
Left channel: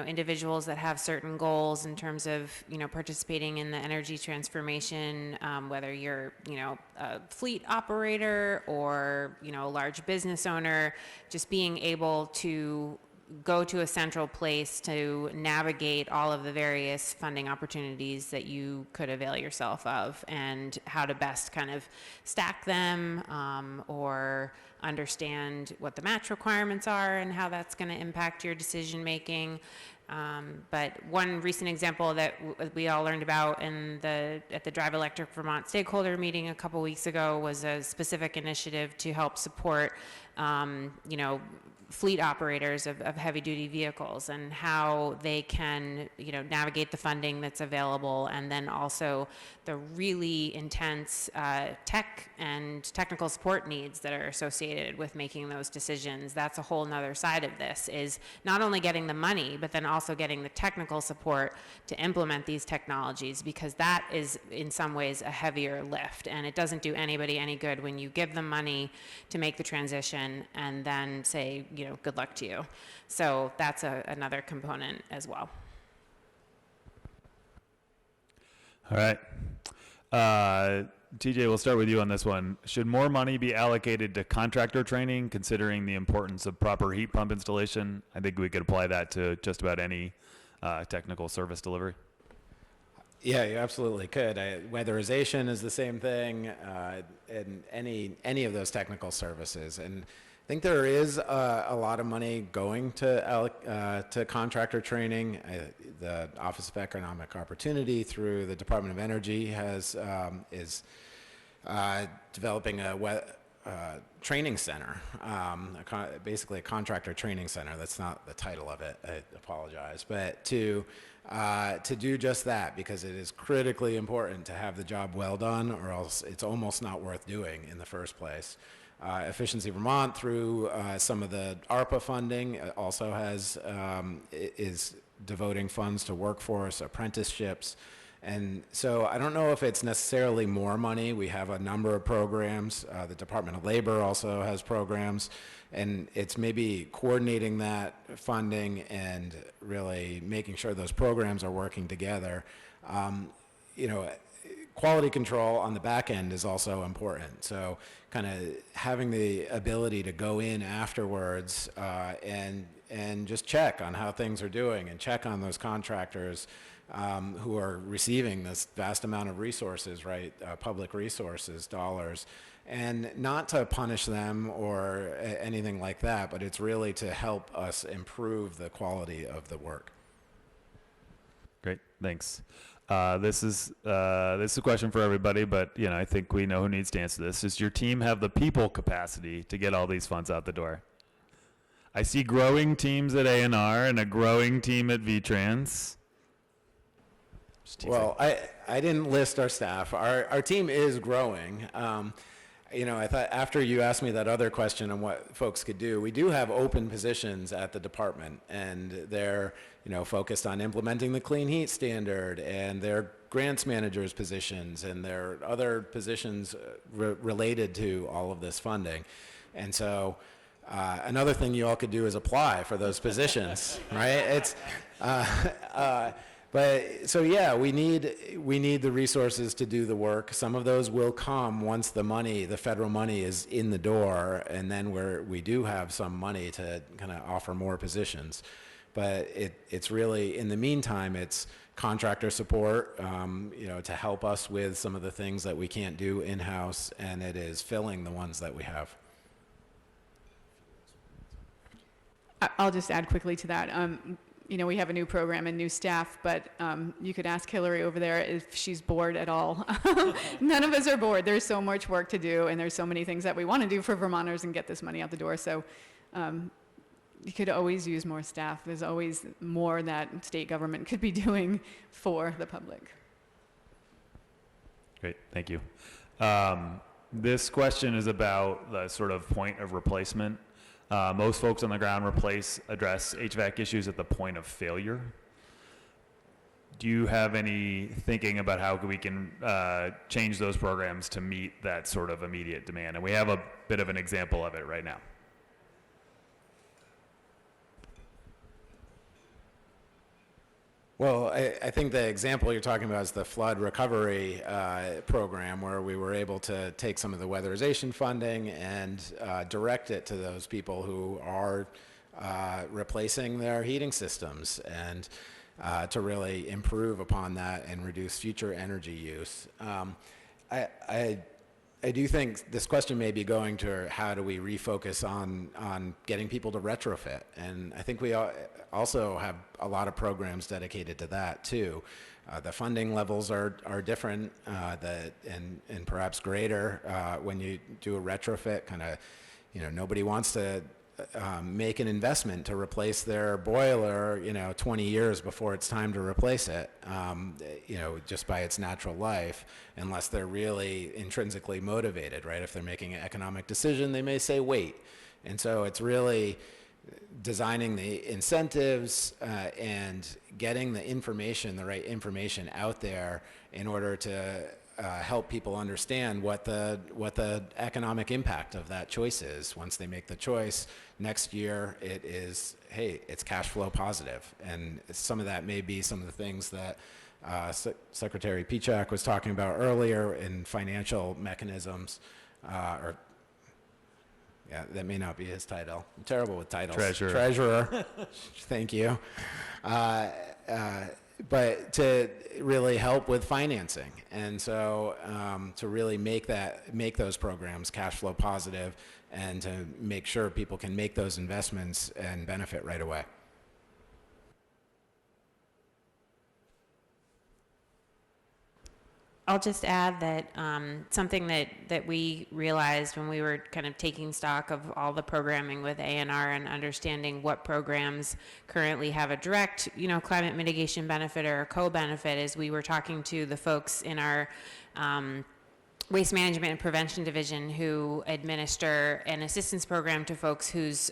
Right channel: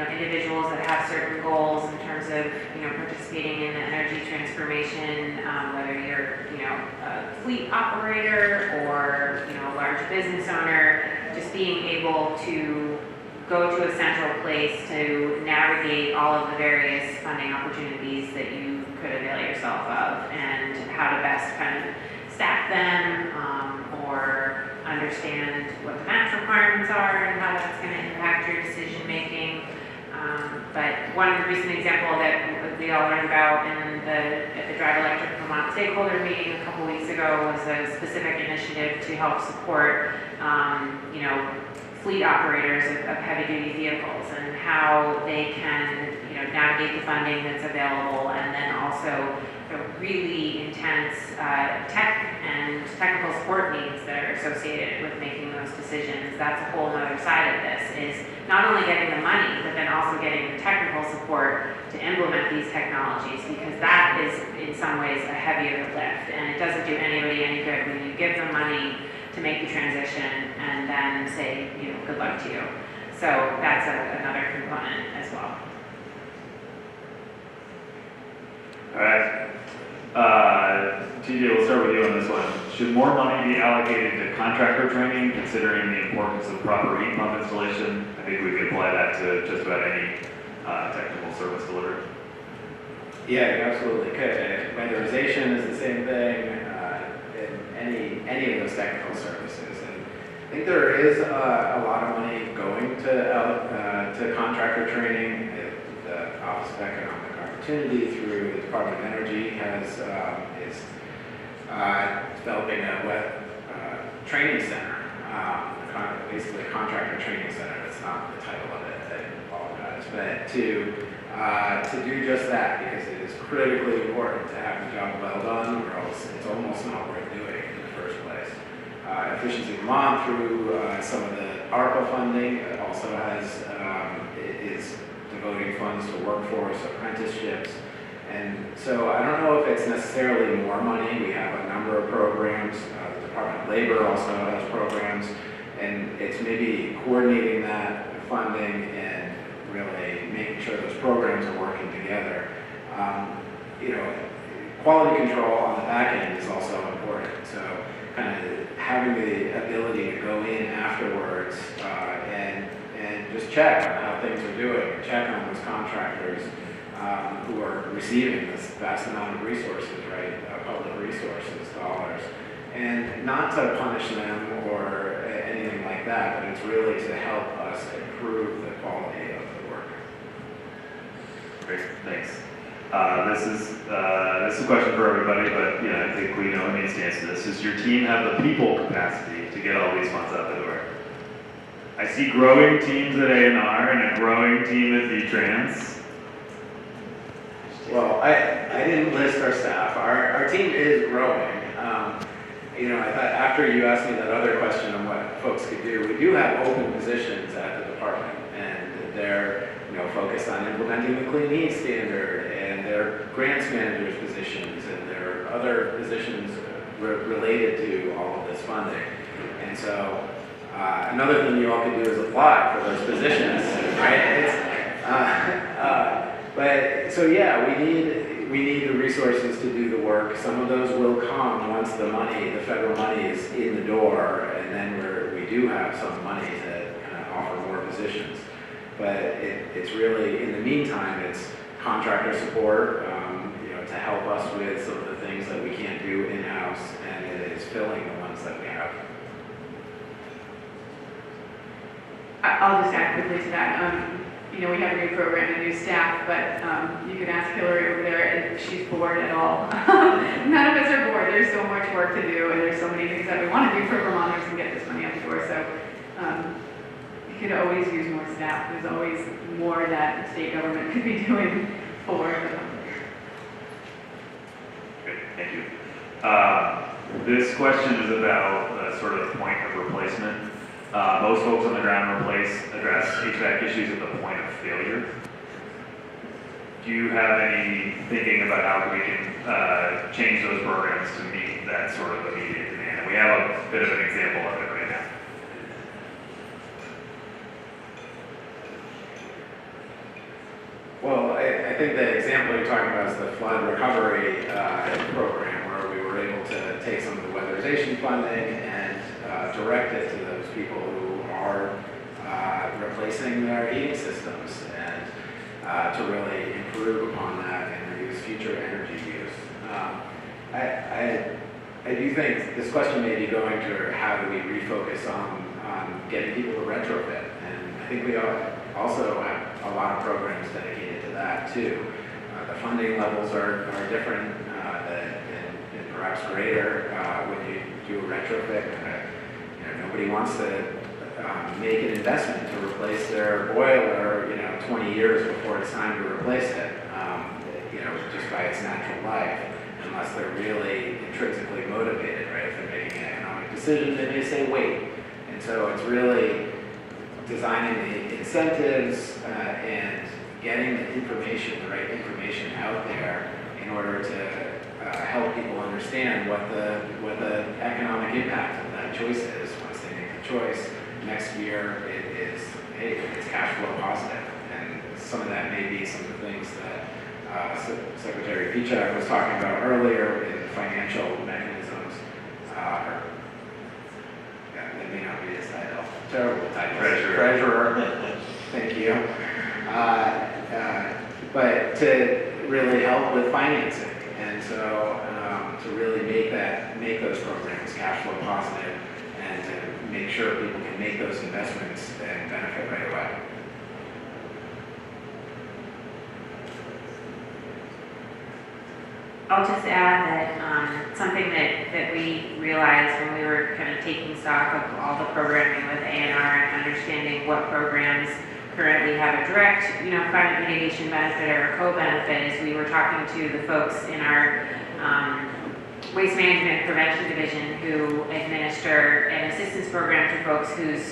individuals that have certain goals in terms of, participating in the energy transformation, whether you're, a fleet operator or, a large business owner, just being able to go to a central place to navigate all of the various funding opportunities that you could avail yourself of and how to best kind of stack them, or understand what the match requirements are and how that's going to impact your decision making. But one recent example that we all learned about at the Drive Electric Vermont stakeholder meeting a couple weeks ago was a specific initiative to help support, fleet operators of heavy-duty vehicles and how they can, navigate the funding that's available, and then also the really intense tech and technical support needs that are associated with making those decisions. That's a whole other side of this, is not only getting the money, but then also getting the technical support to implement these technologies, because that is in some ways a heavier lift, and it doesn't do anybody any good when you give them money to make the transition and then say, good luck to you. So that's another component as well. All right. TJ, we'll start with you on this one. Should more money be allocated to contractor training, considering the importance of proper heat pump installation? I think we could apply that to just about any technical service delivery. Yeah, you absolutely could. Weatherization is the same thing in any of those technical services. And I think there is a lot of money going to contractor training. The Office of Economic Opportunity through the Department of Energy is developing a training center, basically a contractor training center. That's not the title of it, I apologize. But to do just that, because it is critically important to have the job well done, or else it's almost not worth doing in the first place. Efficiency Vermont, through some of the ARPA funding, also is devoting funds to workforce apprenticeships. And so I don't know if it's necessarily more money. We have a number of programs. The Department of Labor also has programs, and it's maybe coordinating that funding and really making sure those programs are working together. Quality control on the back end is also important. So kind of having the ability to go in afterwards and just check on how things are doing, and check on those contractors who are receiving this vast amount of resources, right, public resources, dollars, and not to punish them or anything like that, but it's really to help us improve the quality of the work. Great, thanks. This is a question for everybody, but I think we know who needs to answer this. Does your team have the people capacity to get all these funds out the door? I see growing teams at A&R and a growing team at V-Trans. Well, I didn't list our staff. Our team is growing. I thought after you asked me that other question on what folks could do, we do have open positions at the department, and they're focused on implementing the clean heat standard, and their grants managers positions, and there are other positions related to all of this funding. And so another thing you all can do is apply for those positions, right? But so yeah, we need the resources to do the work. Some of those will come once the federal money is in the door, and then we do have some money to kind of offer more positions. But it's really, in the meantime, it's contractor support, to help us with some of the things that we can't do in-house, and it is filling the ones that we have. I'll just add quickly to that. We have a new program and new staff, but you could ask Hillary over there if she's bored at all. None of us are bored. There's so much work to do, and there's so many things that we want to do for Vermonters and get this money out the door. So you could always use more staff. There's always more that state government could be doing for the public. Great, thank you. This question is about a sort of point of replacement. Most folks on the ground address HVAC issues at the point of failure. Do you have any thinking about how we can change those programs to meet that sort of immediate demand? And we have a bit of an example of it right Well, I think the example you're talking about is the flood recovery program, where we were able to take some of the weatherization funding and direct it to those people who are replacing their heating systems, and to really improve upon that and reduce future energy use. I do think this question may be going to how do we refocus on getting people to retrofit, and I think we also have a lot of programs dedicated to that too. The funding levels are different and perhaps greater when you do a retrofit. Nobody wants to make an investment to replace their boiler 20 years before it's time to replace it, just by its natural life, unless they're really intrinsically motivated, right? If they're making an economic decision, they may say wait. And so it's really designing the incentives and getting the right information out there in order to help people understand what the economic impact of that choice is. Once they make the choice, next year it is, hey, it's cash flow positive. And some of that may be some of the things that Secretary Pichak was talking about earlier in financial mechanisms. That may not be his title. Terrible title. Treasurer. Thank you. But to really help with financing, and so to really make those programs cash flow positive, and to make sure people can make those investments and benefit right away. I'll just add that something that we realized when we were kind of taking stock of all the programming with ANR and understanding what programs currently have a direct, climate mitigation benefit or a co-benefit, is we were talking to the folks in our Waste Management and Prevention Division who administer an assistance program to folks whose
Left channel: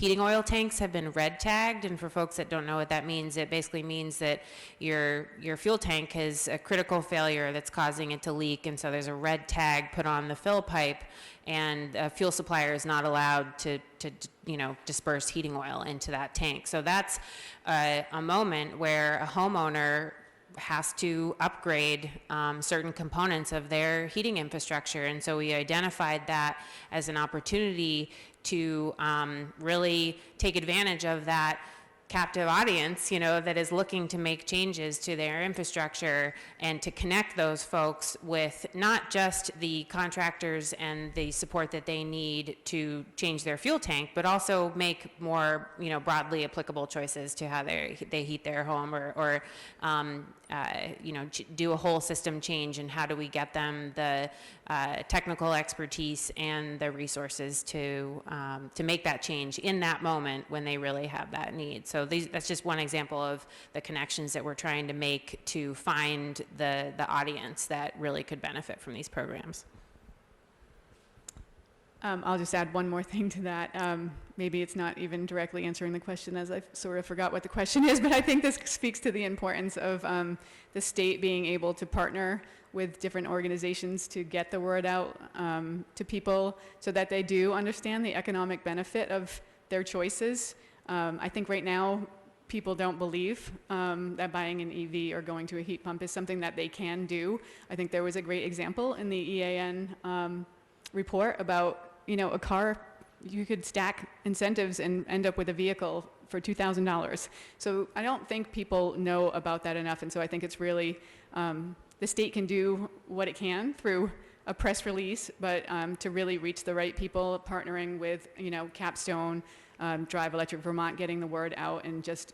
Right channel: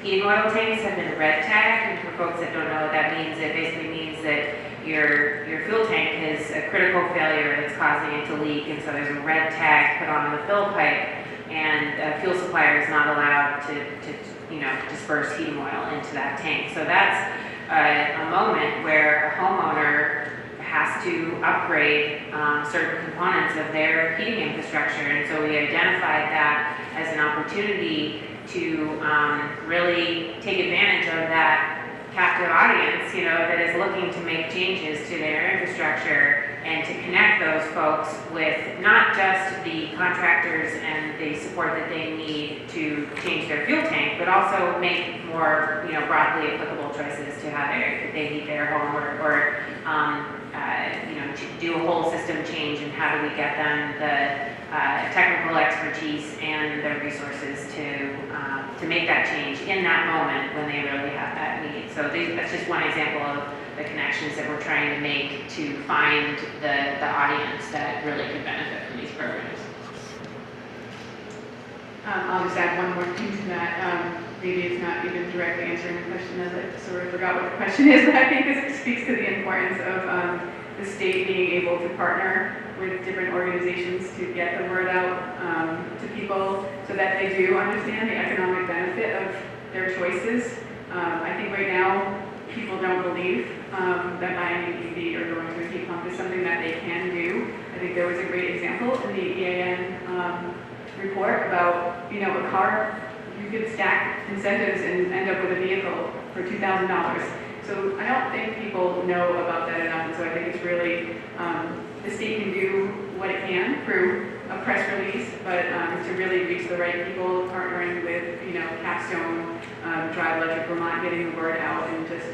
heating oil tanks have been red tagged. And for folks that don't know what that means, it basically means that your fuel tank has a critical failure that's causing it to leak, and so there's a red tag put on the fill pipe, and a fuel supplier is not allowed to disperse heating oil into that tank. So that's a moment where a homeowner has to upgrade certain components of their heating infrastructure, and so we identified that as an opportunity to really take advantage of that captive audience, that is looking to make changes to their infrastructure, and to connect those folks with not just the contractors and the support that they need to change their fuel tank, but also make more, broadly applicable choices to how they heat their home, or do a whole system change, and how do we get them the technical expertise and the resources to make that change in that moment when they really have that need. So that's just one example of the connections that we're trying to make to find the audience that really could benefit from these programs. I'll just add one more thing to that. Maybe it's not even directly answering the question, as I sort of forgot what the question is, but I think this speaks to the importance of the state being able to partner with different organizations to get the word out to people, so that they do understand the economic benefit of their choices. I think right now people don't believe that buying an EV or going to a heat pump is something that they can do. I think there was a great example in the EAN report about, a car, you could stack incentives and end up with a vehicle for $2,000. So I don't think people know about that enough, and so I think it's really, the state can do what it can through a press release, but to really reach the right people, partnering with, Capstone, Drive Electric Vermont, getting the word out, and just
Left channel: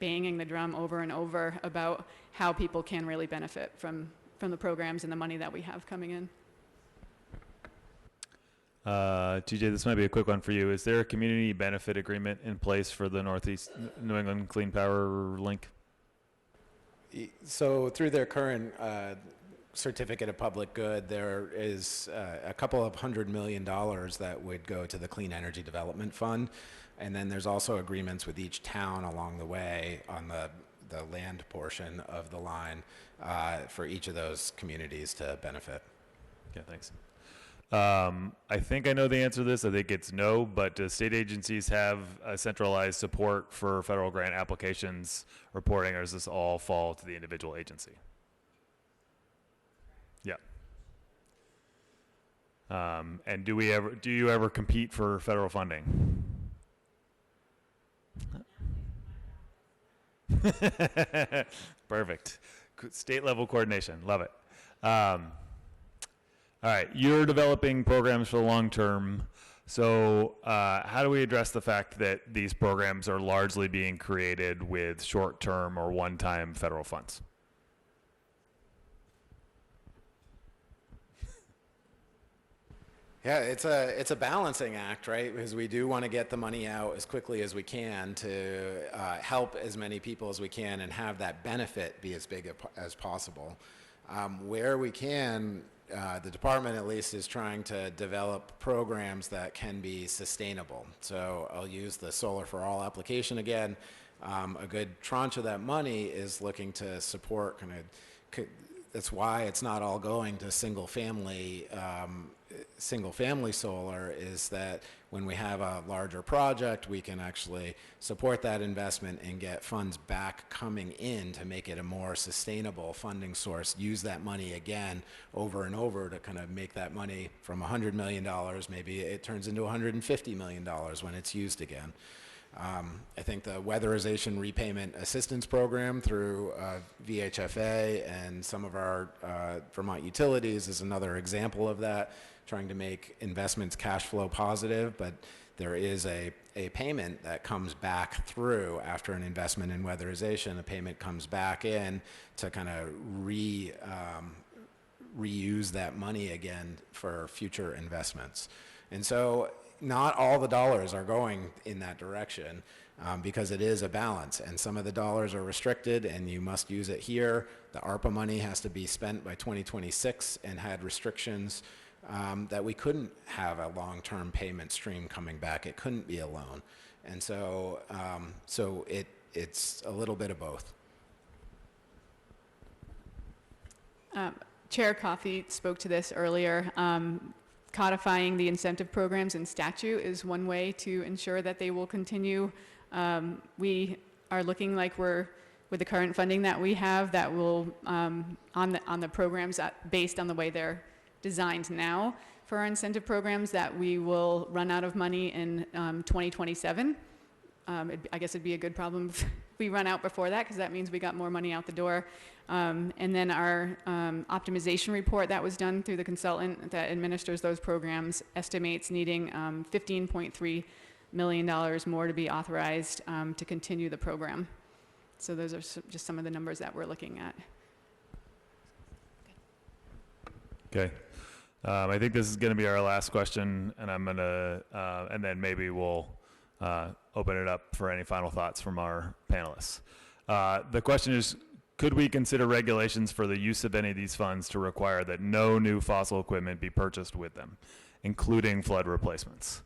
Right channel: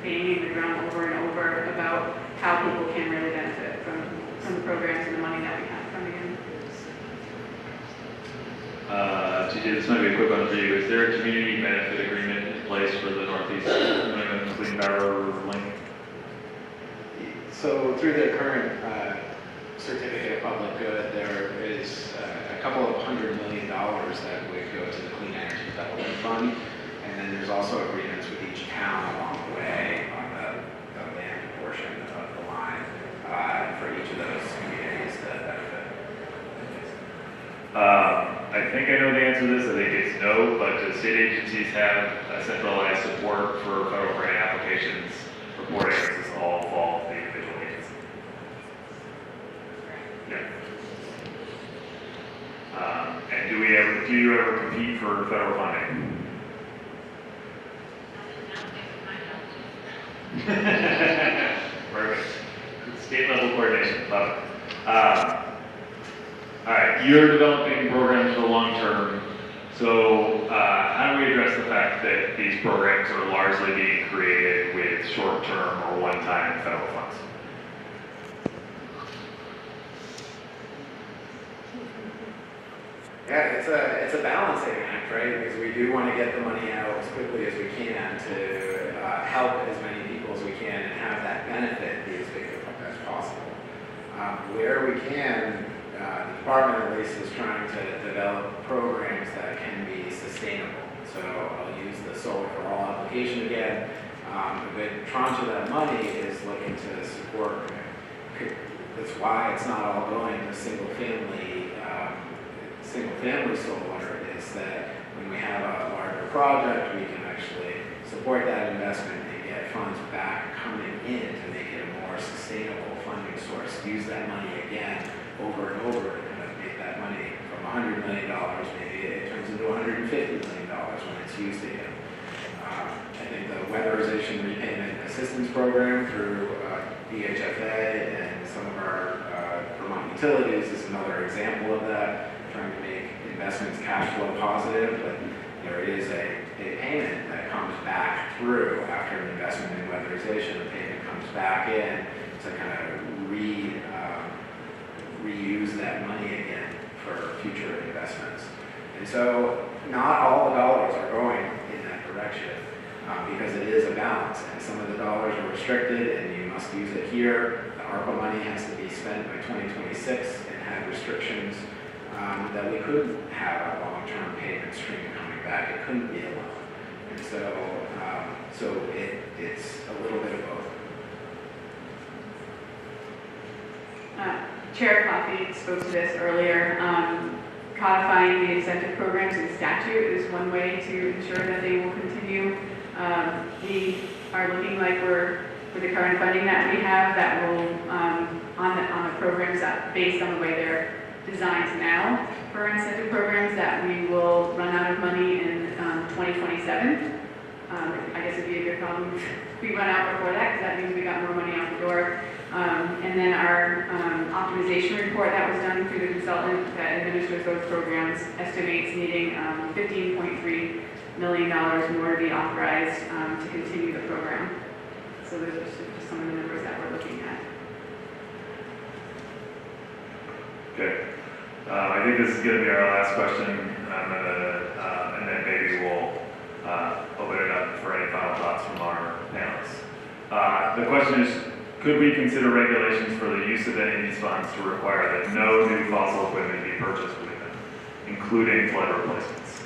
banging the drum over and over about how people can really benefit from the programs and the money that we have coming in. TJ, this might be a quick one for you. Is there a community benefit agreement in place for the Northeast New England Clean Power Link? So through the current certificate of public good, there is a couple of $100 million that would go to the Clean Energy Development Fund, and then there's also agreements with each town along the way on the land portion of the line for each of those communities to benefit. I think I know the answer to this. I think it's no, but do state agencies have a centralized support for federal grant applications reporting. This is all fall to the individual agency. Yeah. And do you ever compete for federal funding? Perfect. State level coordination, love it. All right, you're developing programs for the long term. So how do we address the fact that these programs are largely being created with short-term or one-time federal funds? Yeah, it's a balancing act, right? Because we do want to get the money out as quickly as we can to help as many people as we can and have that benefit be as big as possible. Where we can, the department at least is trying to develop programs that can be sustainable. So I'll use the Solar for All application again. A good tranche of that money is looking to support. That's why it's not all going to single family solar, is that when we have a larger project, we can actually support that investment and get funds back coming in to make it a more sustainable funding source. Use that money again over and over to kind of make that money from $100 million, maybe it turns into $150 million when it's used again. I think the weatherization repayment assistance program through VHFA and some of our Vermont utilities is another example of that, trying to make investments cash flow positive, but there is a payment that comes back through after an investment in weatherization. The payment comes back in to kind of reuse that money again for future investments. And so not all the dollars are going in that direction because it is a balance, and some of the dollars are restricted and you must use it here. The ARPA money has to be spent by 2026 and had restrictions that we couldn't have a long-term payment stream coming back. It couldn't be a loan. And so it's a little bit of both. Chair Coffey spoke to this earlier. Codifying the incentive programs in statute is one way to ensure that they will continue. We are looking like with the current funding that we have, that will on the programs that based on the way they're designed now for our incentive programs, that we will run out of money in 2027. I guess it'd be a good problem if we run out before that, because that means we got more money out the door. And then our optimization report that was done through the consultant that administers those programs estimates needing $15.3 million more to be authorized to continue the program. So those are just some of the numbers that we're looking at. Okay. I think this is going to be our last question, and I'm going to, and then maybe we'll open it up for any final thoughts from our panelists. The question is, could we consider regulations for the use of any of these funds to require that no new fossil equipment be purchased with them, including flood replacements?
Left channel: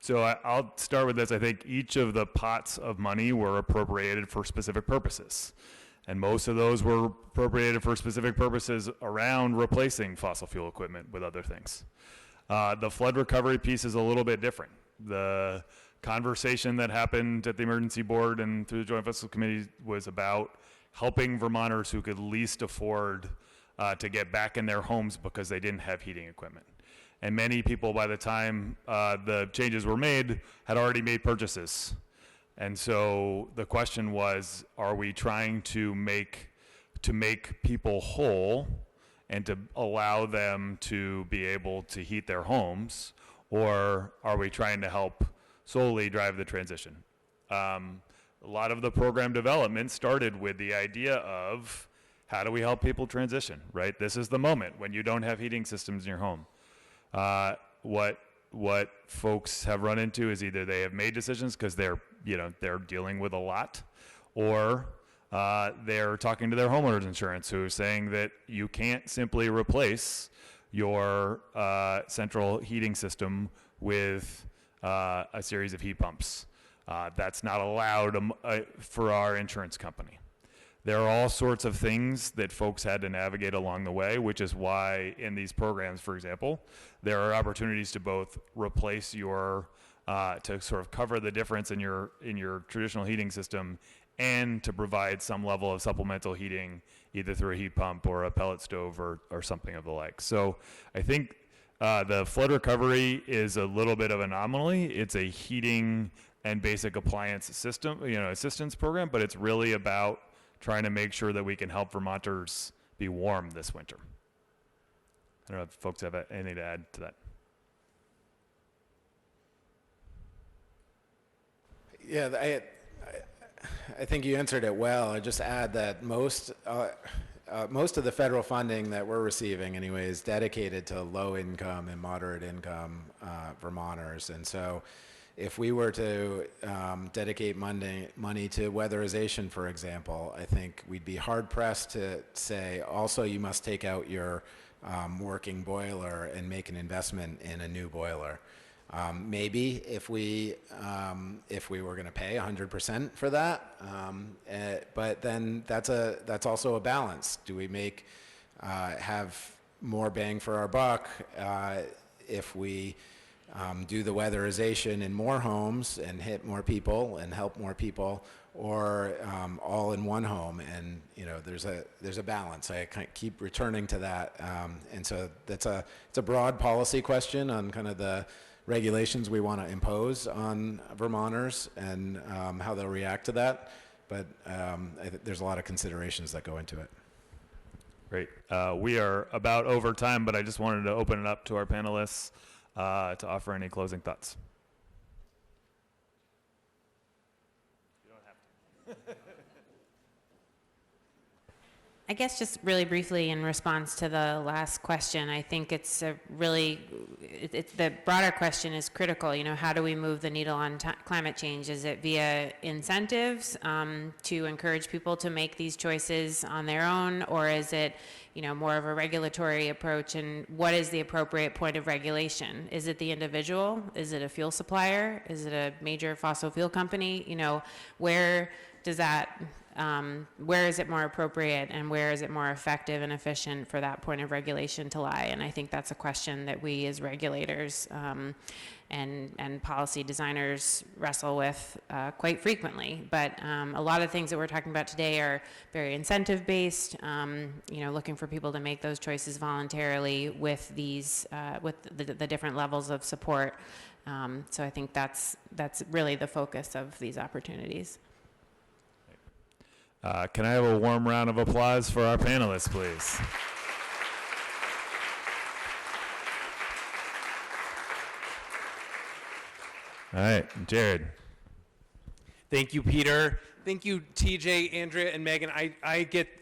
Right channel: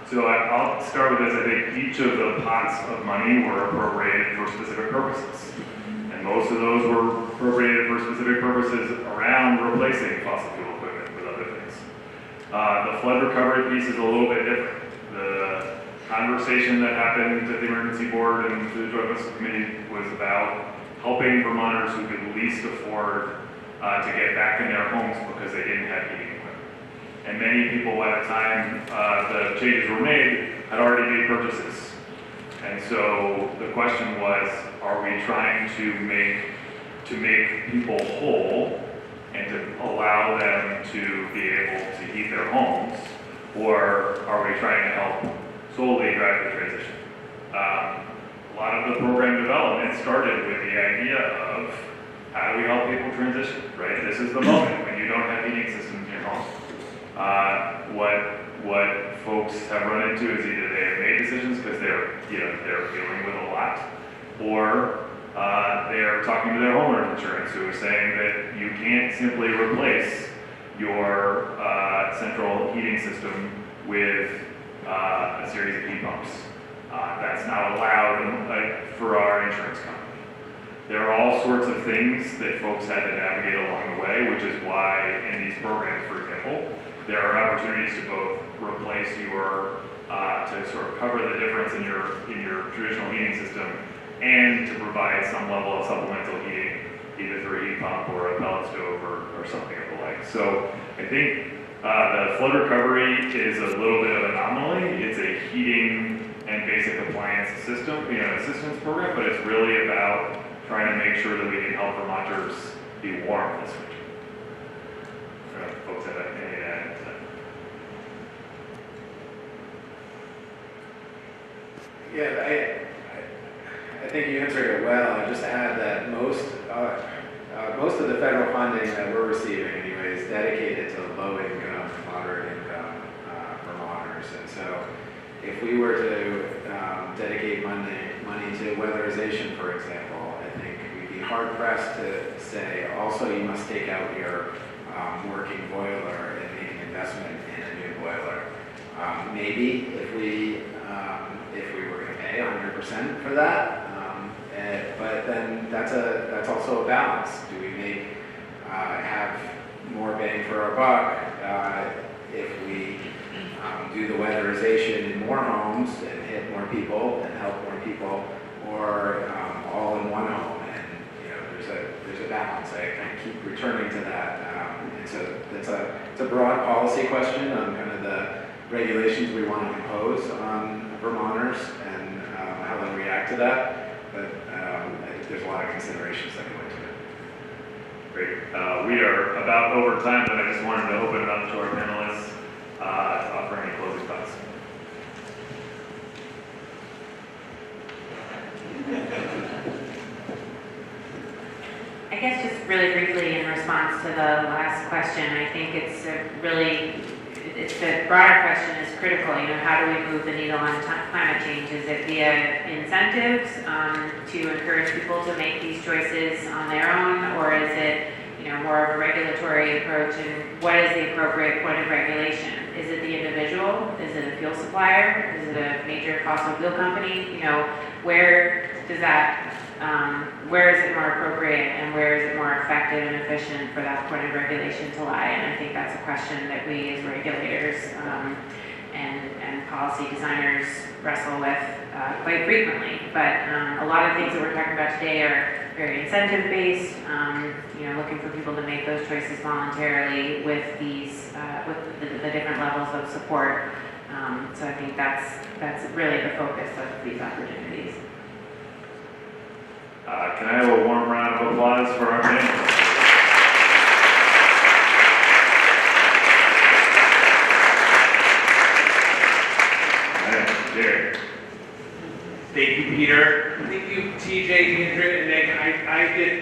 So I'll start with this. I think each of the pots of money were appropriated for specific purposes. And most of those were appropriated for specific purposes around replacing fossil fuel equipment with other things. The flood recovery piece is a little bit different. The conversation that happened at the Emergency Board and through the Joint Fiscal Committee was about helping Vermonters who could least afford to get back in their homes because they didn't have heating equipment. And many people, by the time the changes were made, had already made purchases. And so the question was, are we trying to make people whole and to allow them to be able to heat their homes, or are we trying to help solely drive the transition? A lot of the program development started with the idea of how do we help people transition, right? This is the moment when you don't have heating systems in your home. What folks have run into is either they have made decisions because they're dealing with a lot, or they are talking to their homeowners insurance who is saying that you can't simply replace your central heating system with a series of heat pumps. That's not allowed for our insurance company. There are all sorts of things that folks had to navigate along the way, which is why in these programs, for example, there are opportunities to both replace your, to sort of cover the difference in your traditional heating system and to provide some level of supplemental heating, either through a heat pump or a pellet stove or something of the like. So I think the flood recovery is a little bit of an anomaly. It's a heating and basic appliance system, assistance program, but it's really about trying to make sure that we can help Vermonters be warm this winter. I don't know if folks have anything to add to that. Yeah, I think you answered it well. I just add that most of the federal funding that we're receiving anyway is dedicated to low-income and moderate-income Vermonters. And so if we were to dedicate money to weatherization, for example, I think we'd be hard-pressed to say, also you must take out your working boiler and make an investment in a new boiler. Maybe if we were going to pay 100% for that, but then that's also a balance. Do we have more bang for our buck if we do the weatherization in more homes and hit more people and help more people, or all in one home? And there's a balance. I kind of keep returning to that, and so it's a broad policy question on kind of the regulations we want to impose on Vermonters and how they react to that. But I think there's a lot of considerations that go into it. Great. We are about over time, but I just wanted to open it up to our panelists to offer any closing thoughts. I guess just really briefly in response to the last question, I think the broader question is critical. How do we move the needle on climate change? Is it via incentives to encourage people to make these choices on their own, or is it more of a regulatory approach? And what is the appropriate point of regulation? Is it the individual? Is it a fuel supplier? Is it a major fossil fuel company? Where is it more appropriate, and where is it more effective and efficient for that point of regulation to lie? And I think that's a question that we as regulators and policy designers wrestle with quite frequently. But a lot of things that we're talking about today are very incentive-based, looking for people to make those choices voluntarily with the different levels of support. So I think that's really the focus of these opportunities. Can I have a warm round of applause for our panelists, please? All right, Jared. Thank you, Peter. Thank you, TJ, Andrea, and Meg.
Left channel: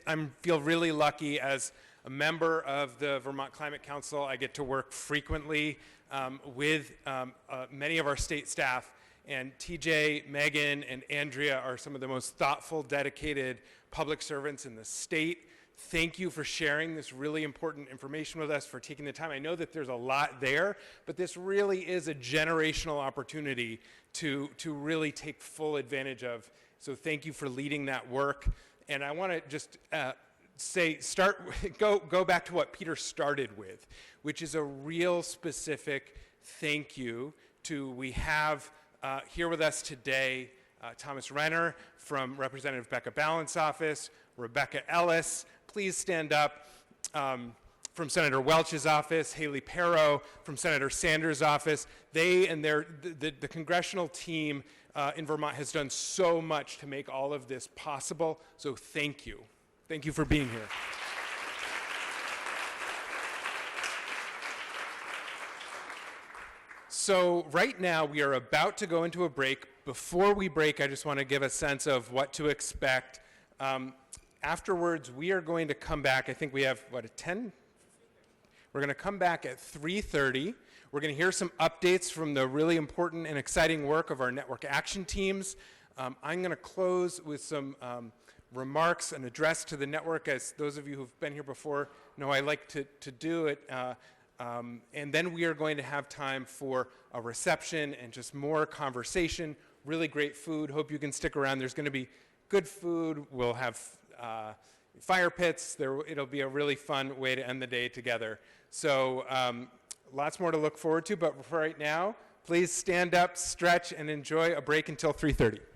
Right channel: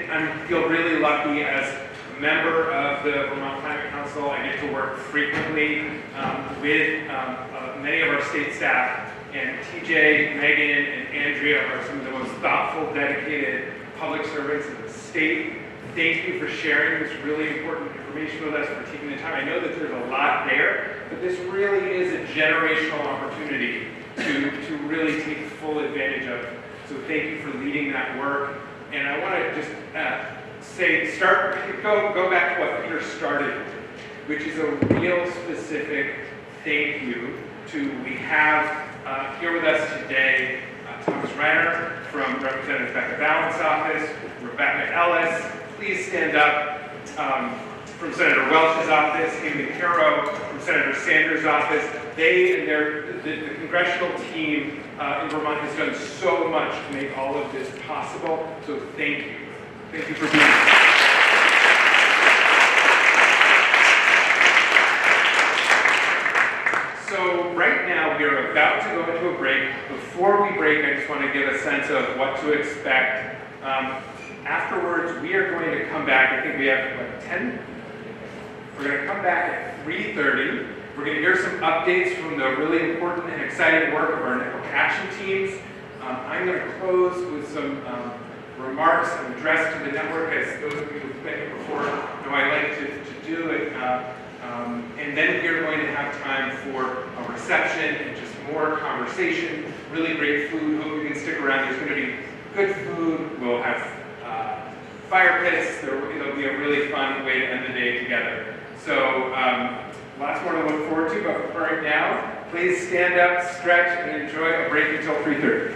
I feel really lucky as a member of the Vermont Climate Council. I get to work frequently with many of our state staff. And TJ, Megan, and Andrea are some of the most thoughtful, dedicated public servants in the state. Thank you for sharing this really important information with us, for taking the time. I know that there's a lot there, but this really is a generational opportunity to really take full advantage of. So thank you for leading that work. And I want to just go back to what Peter started with, which is a real specific thank you to, we have here with us today, Thomas Reiner from Representative Becca Ballard's office, Rebecca Ellis, please stand up, from Senator Welch's office, Amy Perro from Senator Sanders' office. They and the congressional team in Vermont has done so much to make all of this possible, so thank you. Thank you for being here. So right now we are about to go into a break. Before we break, I just want to get a sense of what to expect. Afterwards, we are going to come back. I think we have, 10? We're going to come back at 3:30. We're going to hear some updates from the really important and exciting work of our network action teams. I'm going to close with some remarks and address to the network, as those of you who've been here before know I like to do it. And then we are going to have time for a reception and just more conversation, really great food. Hope you can stick around. There's going to be good food. We'll have fire pits. It'll be a really fun way to end the day together. So lots more to look forward to, but for right now, please stand up, stretch, and enjoy a break until 3:30.